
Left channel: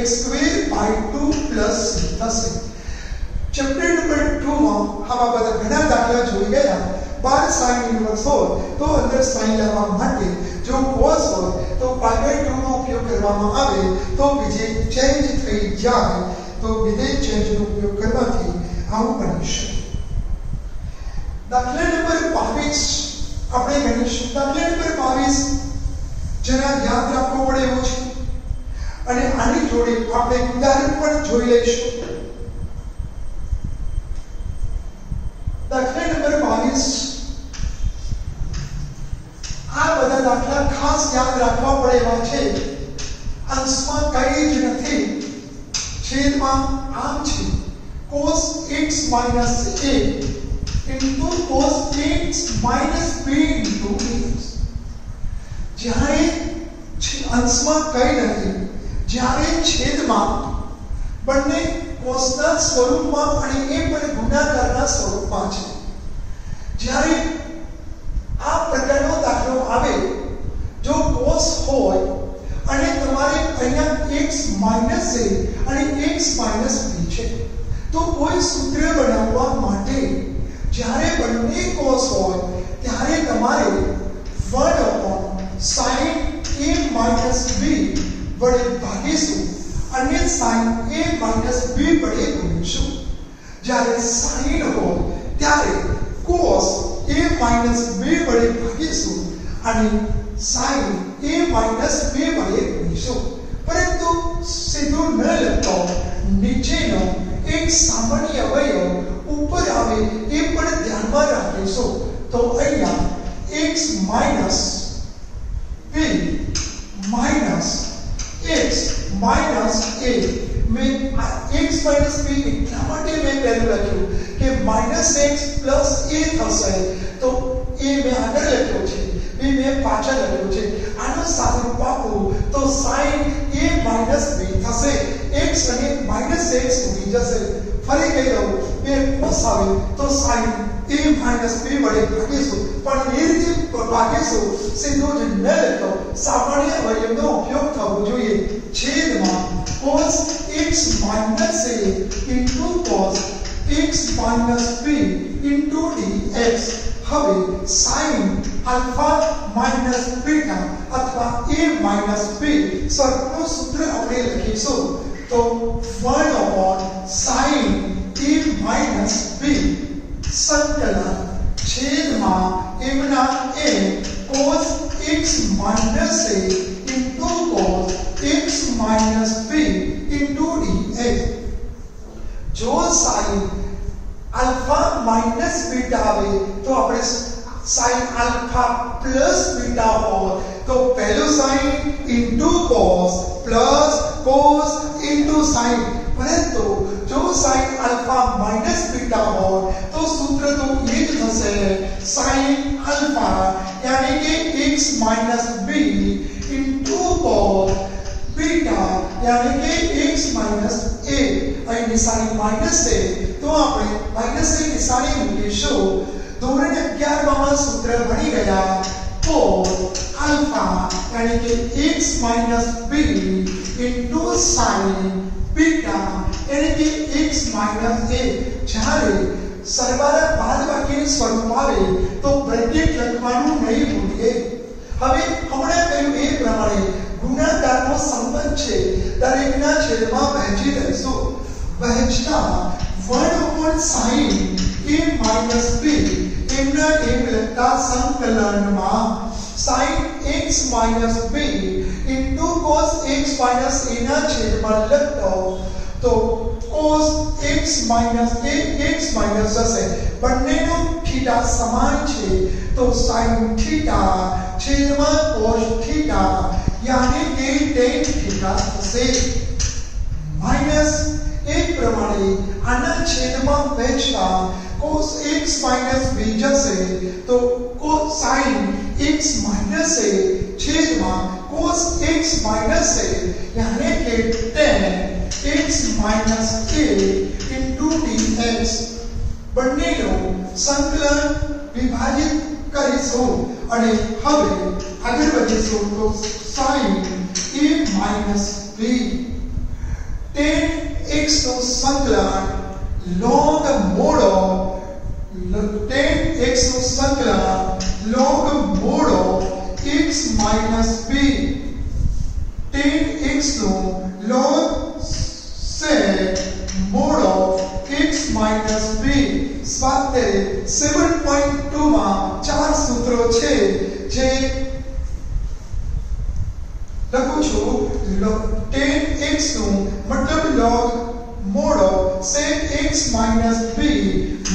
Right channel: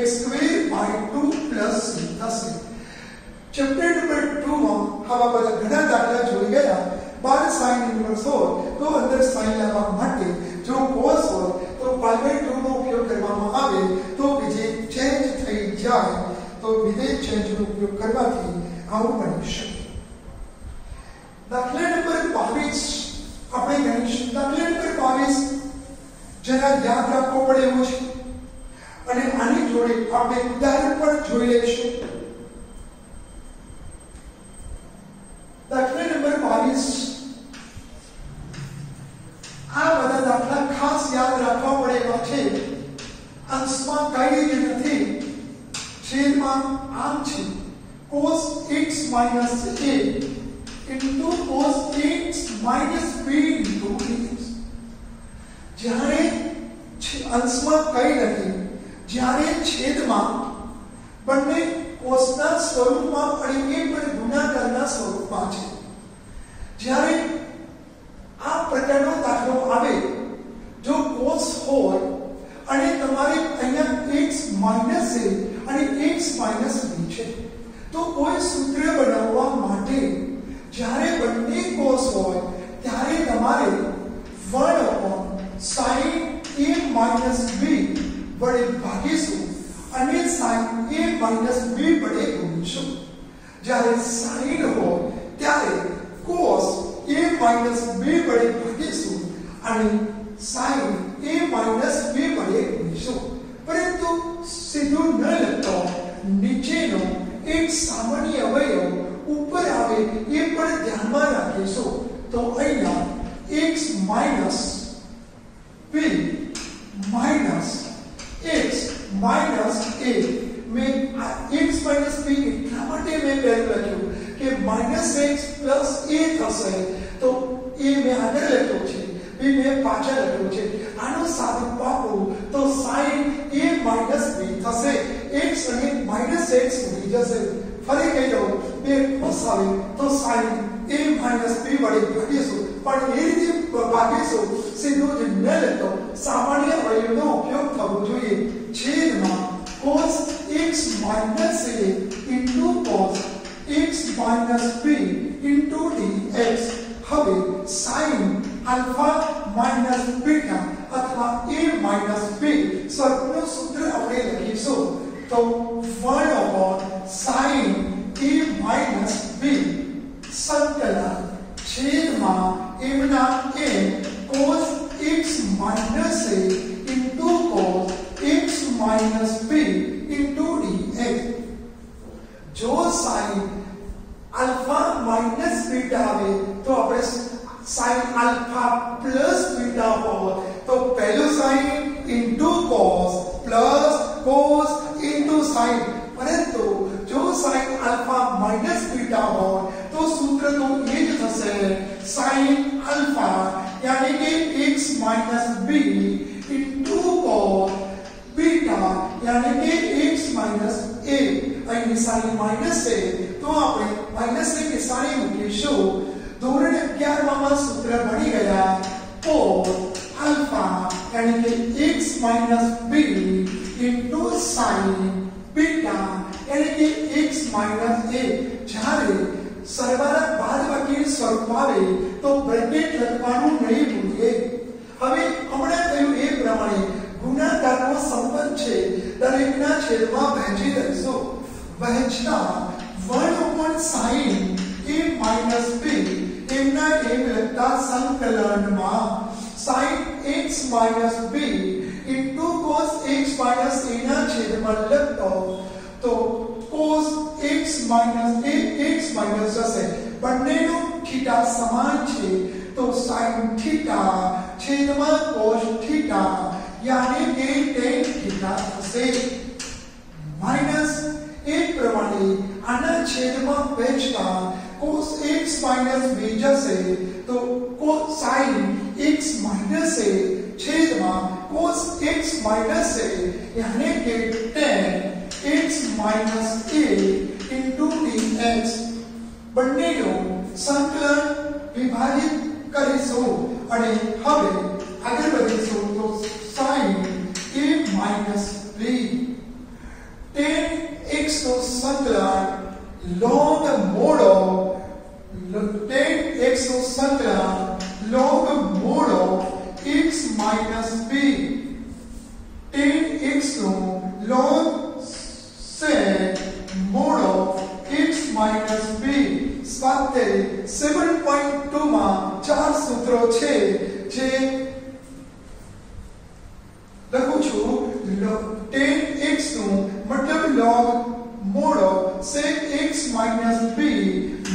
x²/2 plus c થશે. ચેપ્ટર નંબર 2 માં આવા બધા ઘણા દાખલા જોઈ ગયા. 12 sin ઇન્વર્સ હોય તો અંદર sin લેવા માટે જો cos હોય તો pi/2 નો ઉપયોગ કરવામાં આવે તો વિધેય ચેન્જ થઈ જાય. તો વિધેય ચેન્જનો ઉપયોગ કરવાથી આવું બની શકે. દાખલા નંબર 22 આપણે ગણીશું. દાખલા નંબર 22 જરા યાદ રાખવો પડે એવું છે અને આની જોડે આપણે ઉદાહરણ પણ જોઈ લઈશું. દાખલા નંબર 22 બધા દાખલા ખાસ યાદ રાખવા પડે એવા છે. અંશમાં કઈ જ નથી, છેદમાં આમ છે cos x minus a into cos x minus b into dx. જ્યારે અંશમાં કઈ નથી, જ્યારે છેદમાં બંને કોસના સ્વરૂપમાં અને એ પણ ગુણાકારના સ્વરૂપમાં છે. જ્યારે આ પ્રકારનો દાખલો આવે, જો cos હોય અને તમારે અહીંયા x minus a અને x minus b છે, તો કોઈ સૂત્ર બનાવવા માટે જ્યારે બંને cos હોય ત્યારે તમારે 1/sin a minus b વડે ભાગીશું અને sin a minus b વડે ગુણીશું. જ્યારે sin હોય ત્યારે cos a minus b વડે ભાગીશું અને sin a minus b વડે ગુણીશું. પરંતુ સીધું ન લખતો નીચેનો એક સામાન્ય અવયવ ઉપર આવે એ પણ ધ્યાનમાં રાખીશું. તો અહીંયા x minus b minus x minus a, મેં x minus b એટલા માટે મેં પહેલું લખ્યું કે minus x plus a થશે, તો એ મેં આગળ લખ્યો છે, b મેં પાછળ લખ્યો છે. આનું સાદુરૂપ આપું તો sin a minus b થશે, x અને minus x ઉડી જશે. ફરી કહી દઉં, બે cos આવે તો sin a minus b વડે ભાગીશું, પણ એ રીતે ભાગીશું સીધું જ ન લખતો, સામાન્ય અવયવનો ઉપયોગ થવો જોઈએ. છેદમાં cos x minus a into cos x minus b into dx. હવે sin alpha minus beta અથવા a minus b સ્વરૂપનું સૂત્ર આપણે લખીશું. તો 1/sin a minus b સંકલન છેદમાં એમના a cos x minus a into cos x minus b into dx. જો sin alpha minus beta આવે તો આપણે sin alpha plus beta હોય તો પહેલું sin into cos plus cos into sin. પરંતુ જો sin alpha minus beta હોય તો સૂત્ર તો એ જ થશે, sin alpha यानी कि x minus b into cos beta यानी कि x minus a. અહીં નિશાની માઈનસ છે તો આપણે માઈનસની નિશાની મૂકીશું. ધોરણ 11 માં સૂત્ર ભણી ગયા cos alpha यानी कि x minus b into sin beta यानी कि x minus a. જ્યારે સરવાળા બાદબાકીનું સ્વરૂપ આવે તો બ્રેકેટ લખવાનું નહીં ભૂલીએ. હવે હમણાં કહ્યું એ પ્રમાણે ગુણાકારનો સંબંધ છે, દરેકના છેદમાં વહેંચી દઈશું. વહેંચતા 1/sin a minus b એમના એમ લખતા સંકલનમાં sin x minus b into cos x minus a ના છેદમાં લખતો તો cos x minus a x minus જશે. બંનેનો થીટા સમાન છે તો sin થીટા છેદમાં cos થીટા यानी कि tan थीटा થશે. માઈનસ એક પ્રમાણે આના છેદમાં વહેંચતા cos x minus b જશે તો cos sin x minus a છેદમાં cos x minus a यानी कि tan x minus a into dx. બંનેનો સંકલન વિભાજિત કરીશું અને હવે આગળ વધીશું. તો sin a minus b tan x નું સંકલન log mod tan x નું સંકલન log mod x minus b tan x નું log sec mod x minus b. સ્વાધ્યાય 7.2 માં 4 સૂત્રો છે જે લખું છું. tan x નું મતલબ log mod sec x minus b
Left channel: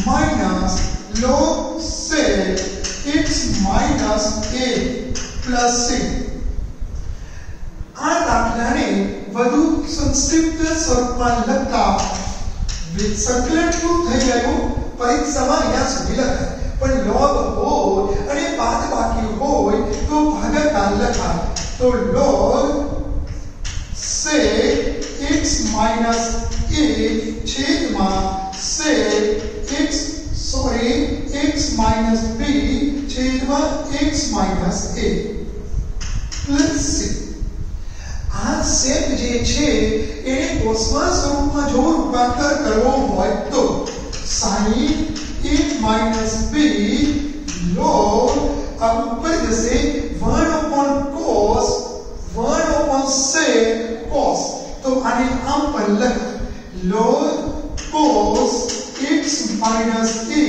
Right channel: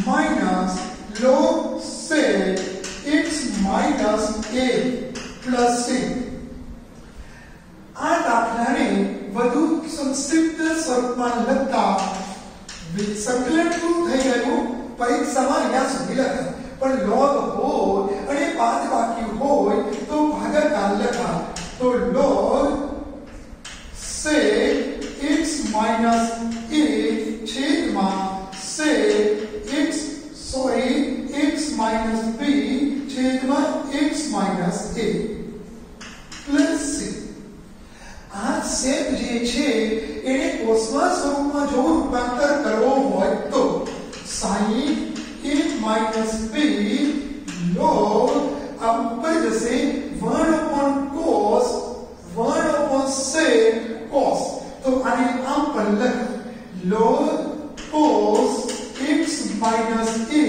minus log sec x minus a. Plus c. આ દાખલાને વધુ સંક્ષિપ્ત સ્વરૂપમાં લખતા સંકલન શું થઈ ગયું પરીક્ષામાં અહીંયા સુધી લખાય, પણ log હોય અને બાદબાકી હોય તો ભાગાકાર લખાય. તો log sec x minus a છેદમાં sec x minus b છેદમાં x minus a plus c. આ sec જે છે એને કોસના સ્વરૂપમાં જો રૂપાંતર કરવો હોય તો sin a minus b log આ ઉપર જશે 1 upon cos 1 upon sec cos. તો આને આમ પણ લખાય log cos x minus a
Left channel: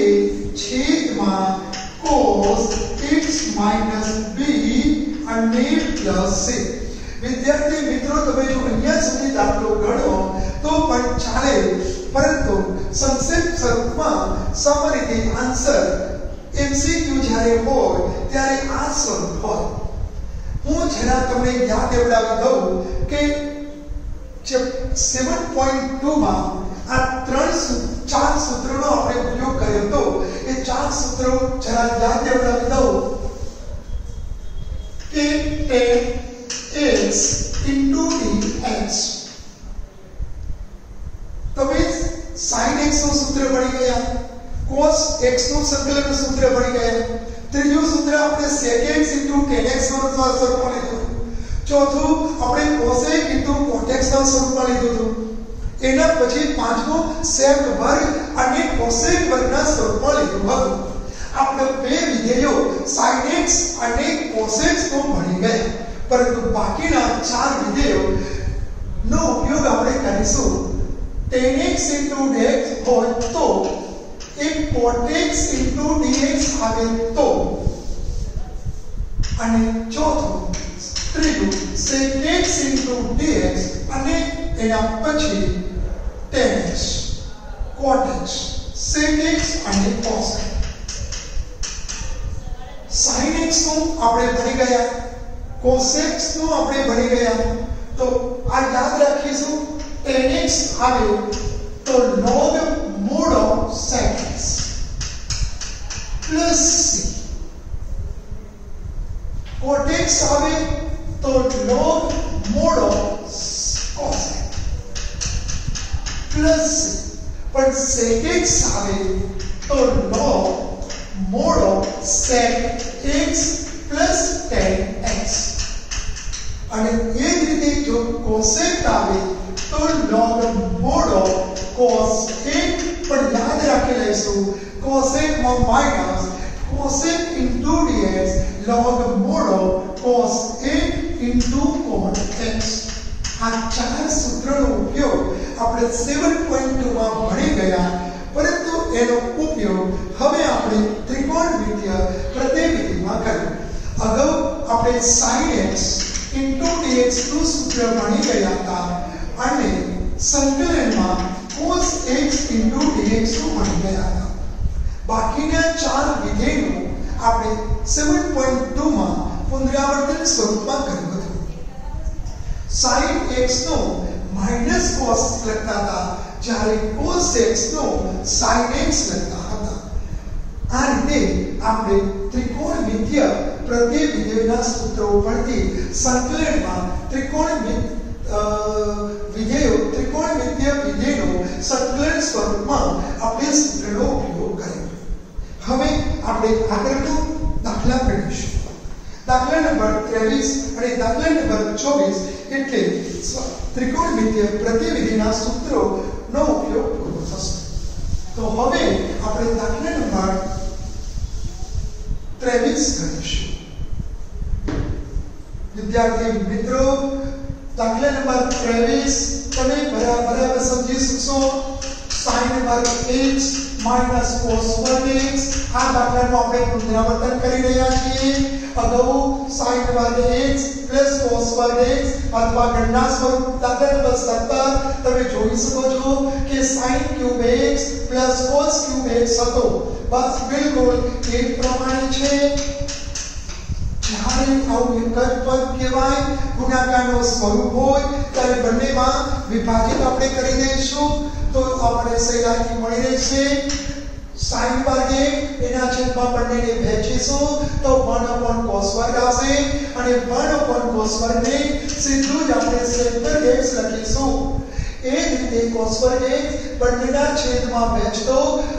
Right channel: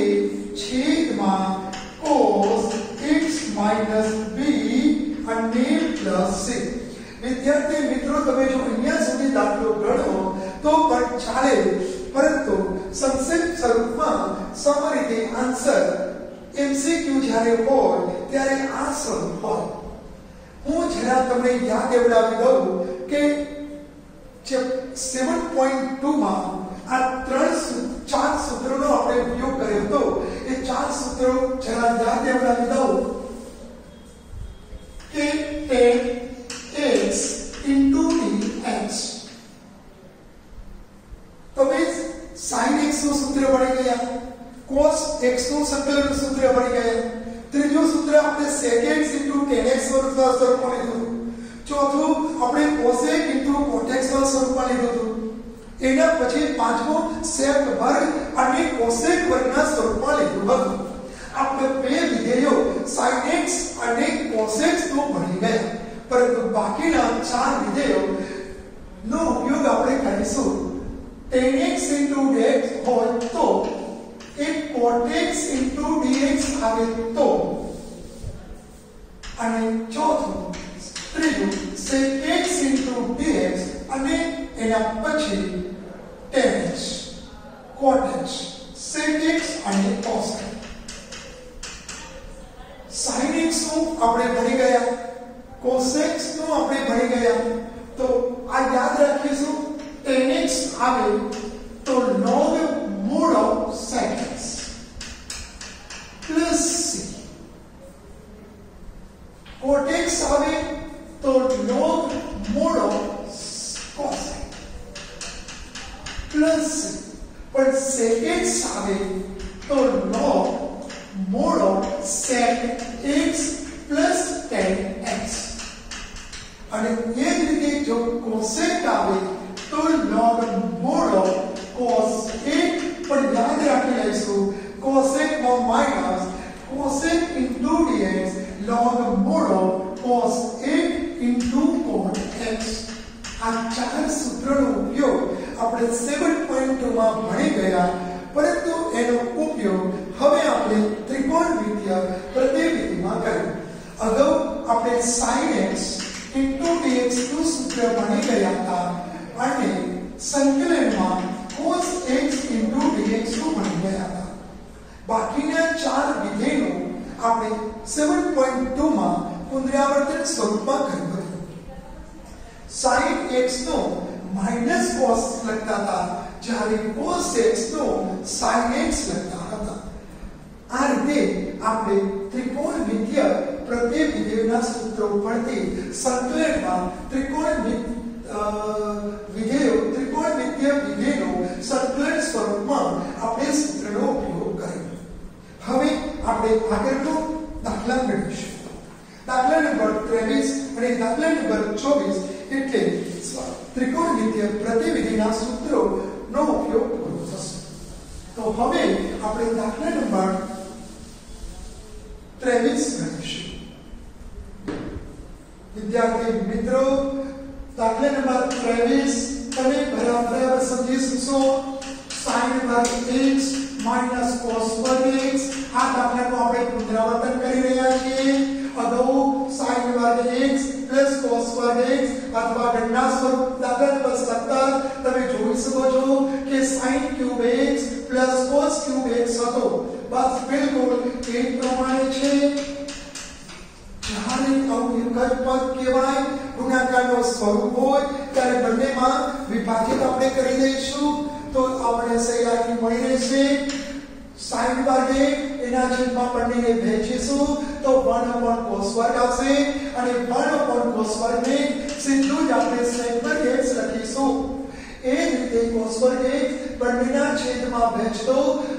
છેદમાં cos x minus b અને પ્લસ c. વિદ્યાર્થી મિત્રો તમે જો અહીંયા સુધી દાખલો ગણો તો પણ ચાલે, પરંતુ સંક્ષિપ્ત સ્વરૂપમાં સામાન્ય આન્સર એમસીક્યુ જ્યારે હોય ત્યારે આ સ્વરૂપ હોય. હું જરા તમને યાદ દેવડાવી દઉં કે 7.2 માં આ ચાર સૂત્રોનો આપણે ઉપયોગ કર્યો હતો. એ ચાર સૂત્રો જરા યાદ દેવડાવી દઉં કે tan x into dx. તમે sin x નું સૂત્ર ભણી ગયા, cos x નું સંકલન સૂત્ર ભણી ગયા, ત્રીજું સૂત્ર આપણે sec x into tan x સ્વરૂપમાં લીધું, ચોથું આપણે cosec into cotx સ્વરૂપમાં લીધું હતું, એના પછી પાંચમું sec વર્ગ અને cosec વર્ગના સ્વરૂપમાં લીધું હતું. આપણે બે વિધેયો sin x અને cos x નો ભણી ગયા, પરંતુ બાકીના ચાર વિધેયો નો ઉપયોગ આપણે કરીશું. tan x into dx હોય તો એક cot x into dx આવે તો, અને ચોથું ત્રીજું sec x into dx અને એના પછી tan x cot x sec x અને cos x. sin x નું આપણે ભણી ગયા, cos x નું આપણે ભણી ગયા, તો આ યાદ રાખીશું. tan x આવે તો log mod of sec x plus c. cot x આવે તો log mod of cos x plus c. પણ sec x આવે તો log mod of sec x plus tan x. અને એ જ રીતે જો cosec આવે તો log mod of cos x, પણ યાદ રાખી લઈશું cosec માં minus cosec into dx log mod of cos x into cot x. આ ચાર સૂત્રનો ઉપયોગ આપણે 7.2 માં ભણી ગયા, પરંતુ એનો ઉપયોગ હવે આપણે ત્રિકોણમિતીય પ્રતિવિધિમાં કર્યો. અગાઉ આપણે sin x into dx નું સૂત્ર ભણી ગયા હતા અને સંકલનમાં cos x into dx નું ભણી ગયા હતા. બાકીના ચાર વિધેયનો આપણે 7.2 માં પુનરાવર્તન સ્વરૂપમાં કર્યું હતું. sin x નો માઈનસ cos લખતા હતા, જ્યારે cos x નો sin x લખતા હતા. આ રીતે આપણે ત્રિકોણમિતીય પ્રતિવિધેયના સૂત્રો પરથી સંકલનમાં ત્રિકોણમિતીય વિધેયનો સંકલન સ્વરૂપમાં આપણે સૂત્રનો ઉપયોગ કર્યો. હવે આપણે આગળનો દાખલા મેળવીશું. દાખલા નંબર 23 અને દાખલા નંબર 24 એટલે ત્રિકોણમિતીય પ્રતિવિધિના સૂત્રોનો ઉપયોગ કરવો થશે. તો હવે આપણે દાખલા નંબર 23 કરીશું. વિદ્યાર્થી મિત્રો, દાખલા નંબર 23 તમે બરાબર સમજી શકશો. sin વર્ગ x minus cos વર્ગ x. આ દાખલાનું આપણે પુનરાવર્તન કરી રહ્યા છીએ. અગાઉ sin વર્ગ x plus cos વર્ગ x અથવા ગણના સ્વરૂપ દાખલા નંબર 17 તમે જોઈ શકો છો કે sin cube x plus cos cube x હતો. બસ બિલકુલ એ પ્રમાણે છે. જ્યારે આવું એક જ પદ કહેવાય, ગુણાકારનો સ્વરૂપ હોય, ત્યારે બંનેમાં વિભાજિત આપણે કરી દઈશું તો આપણે સહેલાઈથી મળી રહેશે. sin વર્ગ એના છેદમાં બંનેને વહેંચીશું તો 1/cos વર્ગ આવશે અને 1/cos વર્ગને સીધું જ આપણે sec વર્ગ x લખીશું. એ જ રીતે cos વર્ગ બંનેના છેદમાં વહેંચતો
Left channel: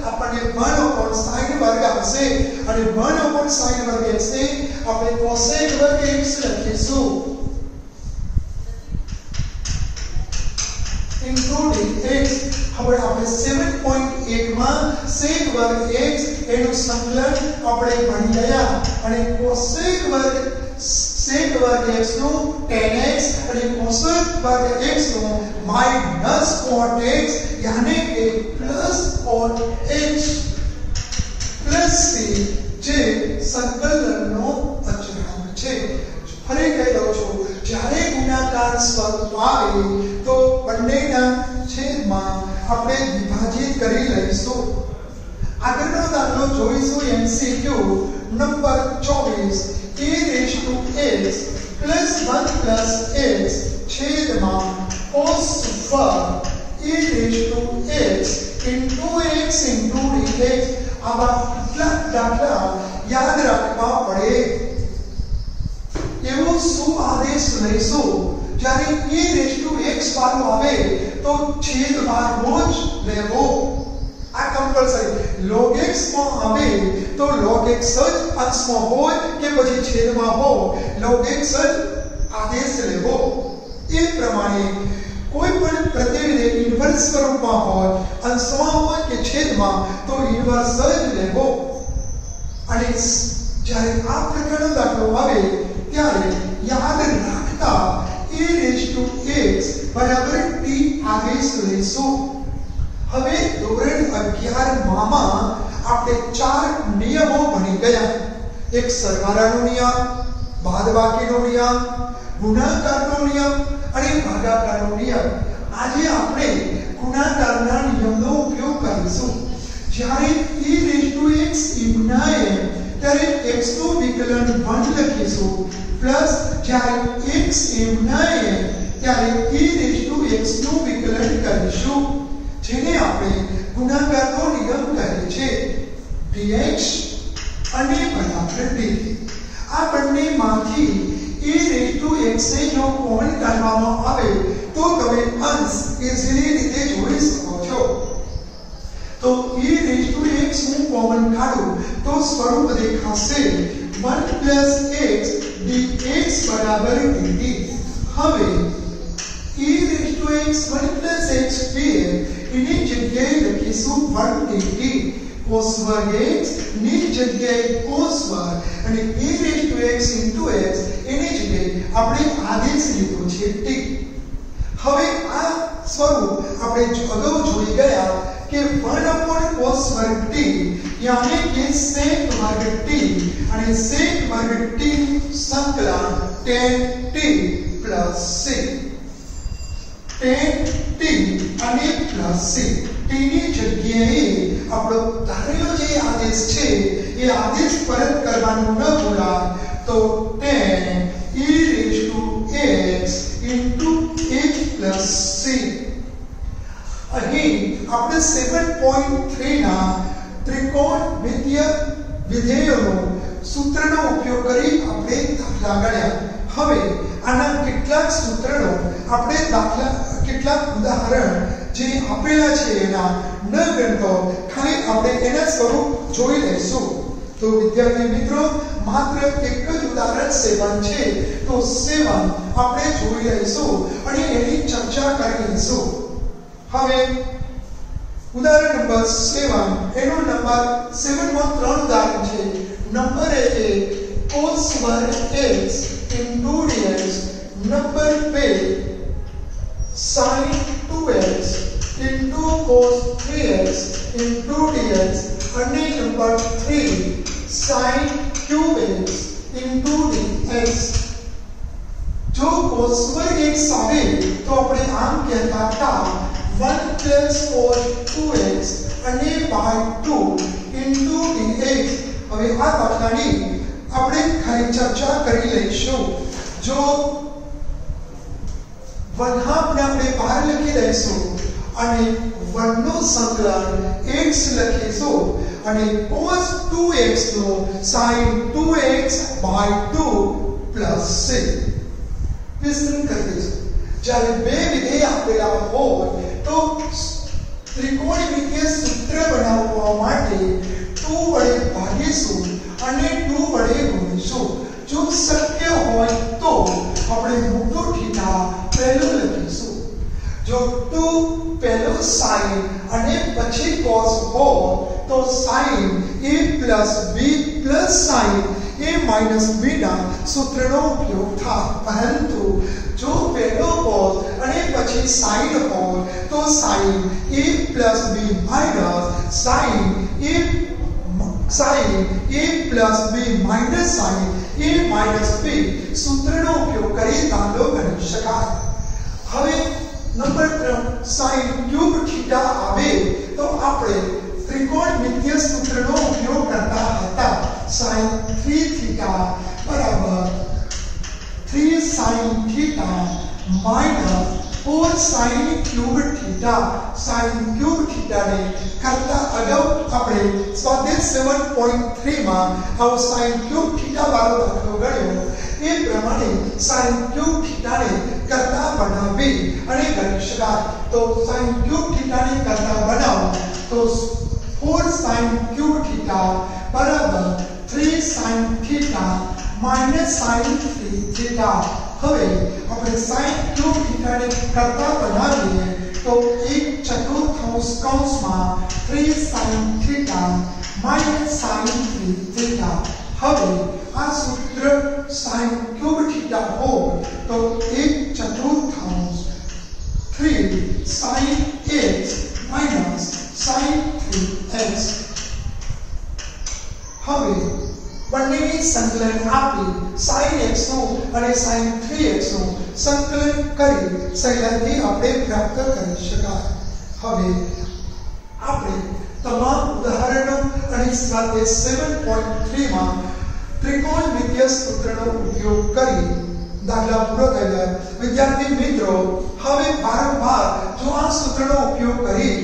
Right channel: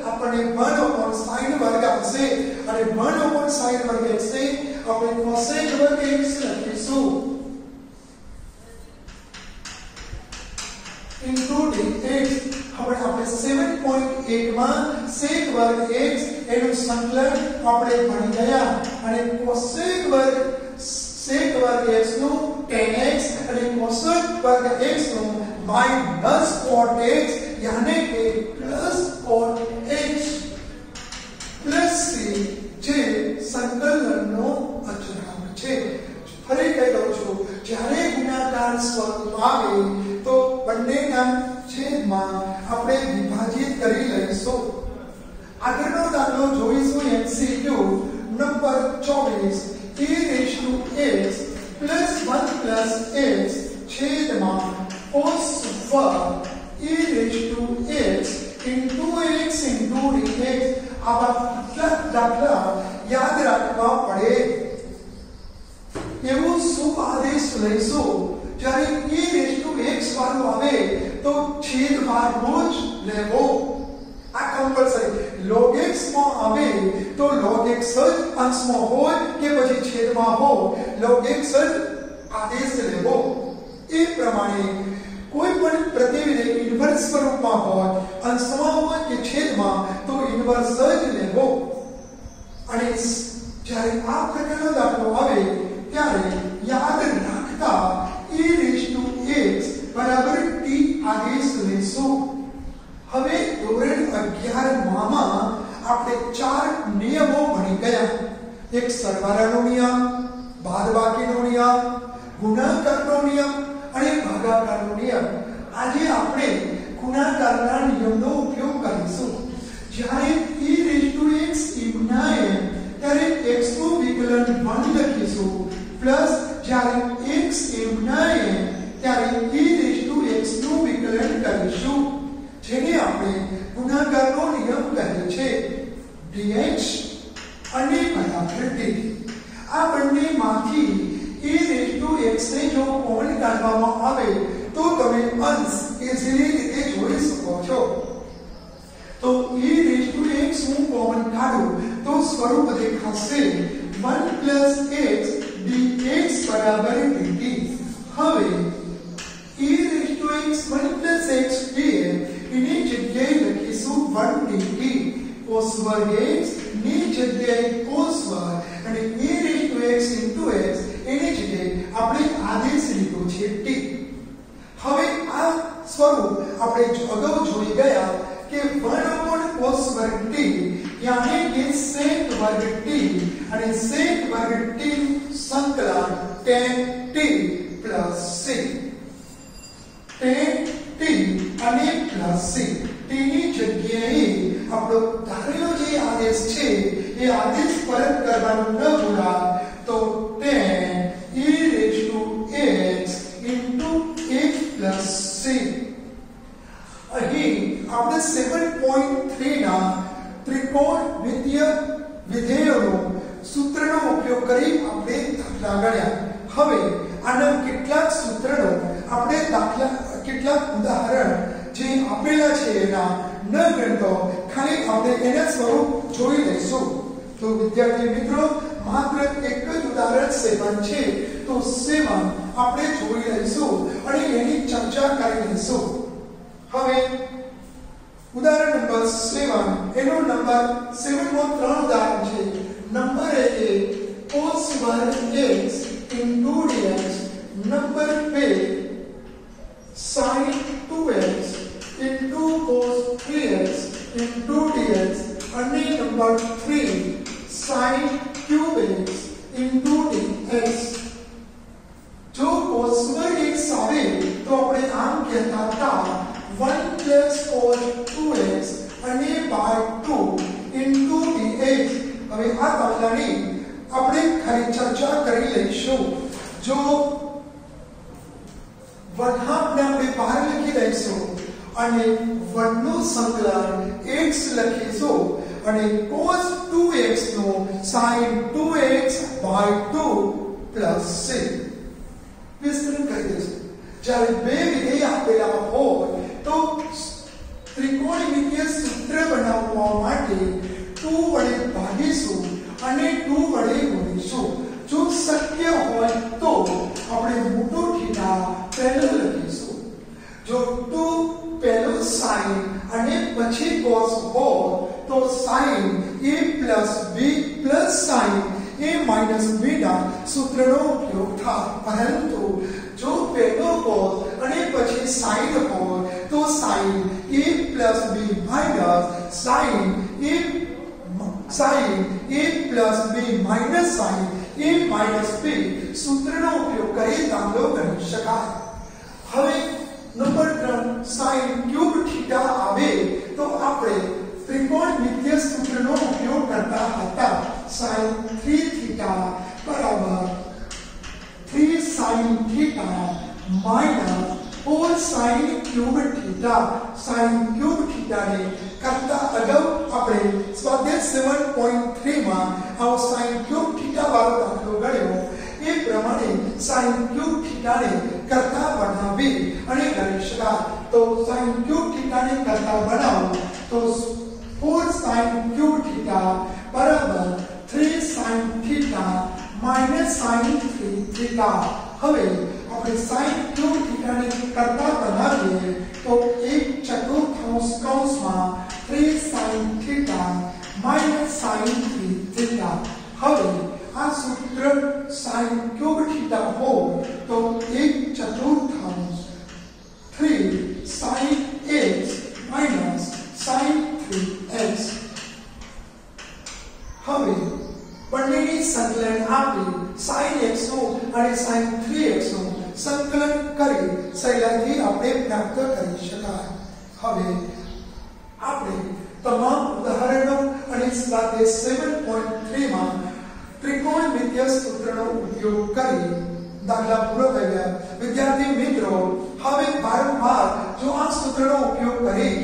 આપણને 1/sin વર્ગ આવશે અને 1/sin વર્ગ x ને આપણે cosec વર્ગ x લખીશું. into dx. હવે આપણે 7.8 માં sec વર્ગ x એનું સંકલન આપણે ભણી ગયા અને cosec વર્ગ x નું tan x અને cosec વર્ગ x નું minus cot x यानी કે plus cot x plus c જે સંકલનનો અચળાંક છે. ફરી કહી દઉં છું, જ્યારે ગુણાકાર સ્વરૂપ આવે તો બંનેના છેદમાં આપણે વિભાજિત કરી લઈશું. આગળનો દાખલો જોઈશું MCQ number 24 e⁻x plus 1 plus x છેદમાં cos વર્ગ e⁻x into x into dx. આવા કેટલાક દાખલા યાદ રાખવા પડે. એવો શું આદેશ લઈશું જ્યારે e⁻x વાળું આવે તો છેદભાગનો જ લેવો. આ કમ્પલસરી. log x માં આવે તો log x જ અંશમાં હોય કે પછી છેદમાં હોય, log x જ આદેશ લેવો. એ પ્રમાણે કોઈ પણ પ્રતિવિધિ ઇન્વર્સ સ્વરૂપમાં હોય, અંશમાં હોય કે છેદમાં, તો ઇન્વર્સ જ લેવો. અને જ્યારે આ પ્રકારનો દાખલો આવે ત્યારે યાદ રાખતા e⁻x બરાબર t આદેશ લઈશું. હવે ધોરણ 11 માં આપણે 4 નિયમો ભણી ગયા. એક સરવાળાનો નિયમ, બાદબાકીનો નિયમ, ગુણાકારનો નિયમ અને ભાગાકારનો નિયમ. આજે આપણે ગુણાકારના નિયમનો ઉપયોગ કરીશું. જ્યારે e⁻x યુનાય ત્યારે x નું વિકલન 1 લખીશું પ્લસ જ્યારે x યુનાય ત્યારે e⁻x નું વિકલન કરીશું, જેને આપણે ગુણાકારનો નિયમ કહે છે. dx અને બરાબર dt. આ બંનેમાંથી e⁻x ને જો કોમન કાઢવામાં આવે તો તમે અંશ ઇઝીલી રીતે જોડી શકો છો. તો e⁻x હું કોમન કાઢું તો સ્વરૂપ દેખાશે 1 plus x dx બરાબર dt. હવે e⁻x 1 plus x dx એની જગ્યાએ લખીશું 1 dt. cos વર્ગ x ની જગ્યાએ cos વર્ગ અને e⁻x into x એની જગ્યાએ આપણે આદેશ લીધો છે t. હવે આ સ્વરૂપ આપણે અગાઉ જોઈ ગયા કે 1/cos વર્ગ t यानी कि sec वर्ग t અને sec વર્ગ t સંકલન tan t plus c. tan t અને plus c t ની જગ્યાએ આપણો ધારેલો જે આદેશ છે એ આદેશ પરત કરવાનું ન ભૂલાય. તો tan e⁻x into x plus c. અહીં આપણે 7.3 ના ત્રિકોણમિતીય વિધેયોનો સૂત્રનો ઉપયોગ કરી આપણે દાખલા ગણ્યા. હવે આના કેટલાક સૂત્રનો આપણે કેટલાક ઉદાહરણ જે આપેલા છે એના ન ગણતો ખાલી આપણે એના સ્વરૂપ જોઈ લઈશું. તો વિદ્યાર્થી મિત્રો, માત્ર એક જ ઉદાહરણ 7 છે તો 7 આપણે જોઈ લઈશું અને એની ચર્ચા કરી લઈશું. હવે ઉદાહરણ નંબર 7 એનો નંબર 7 માં 3 ઉદાહરણ છે. નંબર એ cos વર્ગ x into dx, number 2 sin 2x into cos 3x into dx અને number 3 sin cube x into dx. જો cos વર્ગ x આવે તો આપણે આમ કહેતા હતા 1 plus cos 2x અને by 2 into dx. હવે આ દાખલાની આપણે ખાલી ચર્ચા કરી લઈશું જો વનહાફને આપણે બહાર લખી લઈશું અને વનનું સંકલન x લખીશું અને cos 2x no sin 2x by 2 plus c વિસ્તરણ કરી દઈશું જ્યારે બે વિધેય આપેલા હોય તો ત્રિકોણમિતિય સૂત્ર બનાવવા માટે 2 વડે ભાગીશું અને 2 વડે ગુણીશું જો શક્ય હોય તો આપણે મોટો થીટા પહેલો લખીશું જો 2 પહેલો sin અને પછી cos હોય તો sin a plus b plus sin a minus b ના સૂત્રનો ઉપયોગ થાય પરંતુ જો પહેલો cos અને પછી sin હોય તો sin a plus b minus sin a plus b minus sin a minus b સૂત્રનો ઉપયોગ કરી દાખલો ગણી શકાય હવે નંબર 3 sin ક્યુબ થીટા આવે તો આપણે ત્રિકોણમિતિય સૂત્રનો ઉપયોગ કરતા હતા sin 3 થીટા બરાબર 3 sin theta minus 4 sin cube theta sin cube થીટાને કરતા અગાઉ આપણે સ્વાધ્યાય 7.3 માં આવો sin ક્યુબ થીટા વાળો દાખલો ગણ્યો એ પ્રમાણે sin ક્યુબ થીટાને કરતા બનાવી અને ગણી શકાય તો sin ક્યુબ થીટાને કરતા બનાવો તો 4 sin ક્યુબ થીટા બરાબર 3 sin theta minus sin 3 theta હવે આપણે sin ક્યુબ થીટાને કરતા બનાવીએ તો 1/4 કૌંસમાં 3 sin theta minus sin 3 theta હવે આ સૂત્ર sin ક્યુબ થીટા હો તો 1/4 3 sin x minus sin 3x હવે બંનેની સંકલન આપી sin x નું અને sin 3x નું સંકલન કરી સહેલાઈથી આપણે પ્રાપ્ત કરી શકાય હવે આપણે તમામ ઉદાહરણો અને સ્વાધ્યાય 7.3 માં ત્રિકોણમિતિય સૂત્રનો ઉપયોગ કરી દાખલા પૂરો કર્યા વિદ્યાર્થી મિત્રો હવે વારંવાર જો આ સૂત્રનો ઉપયોગ કરી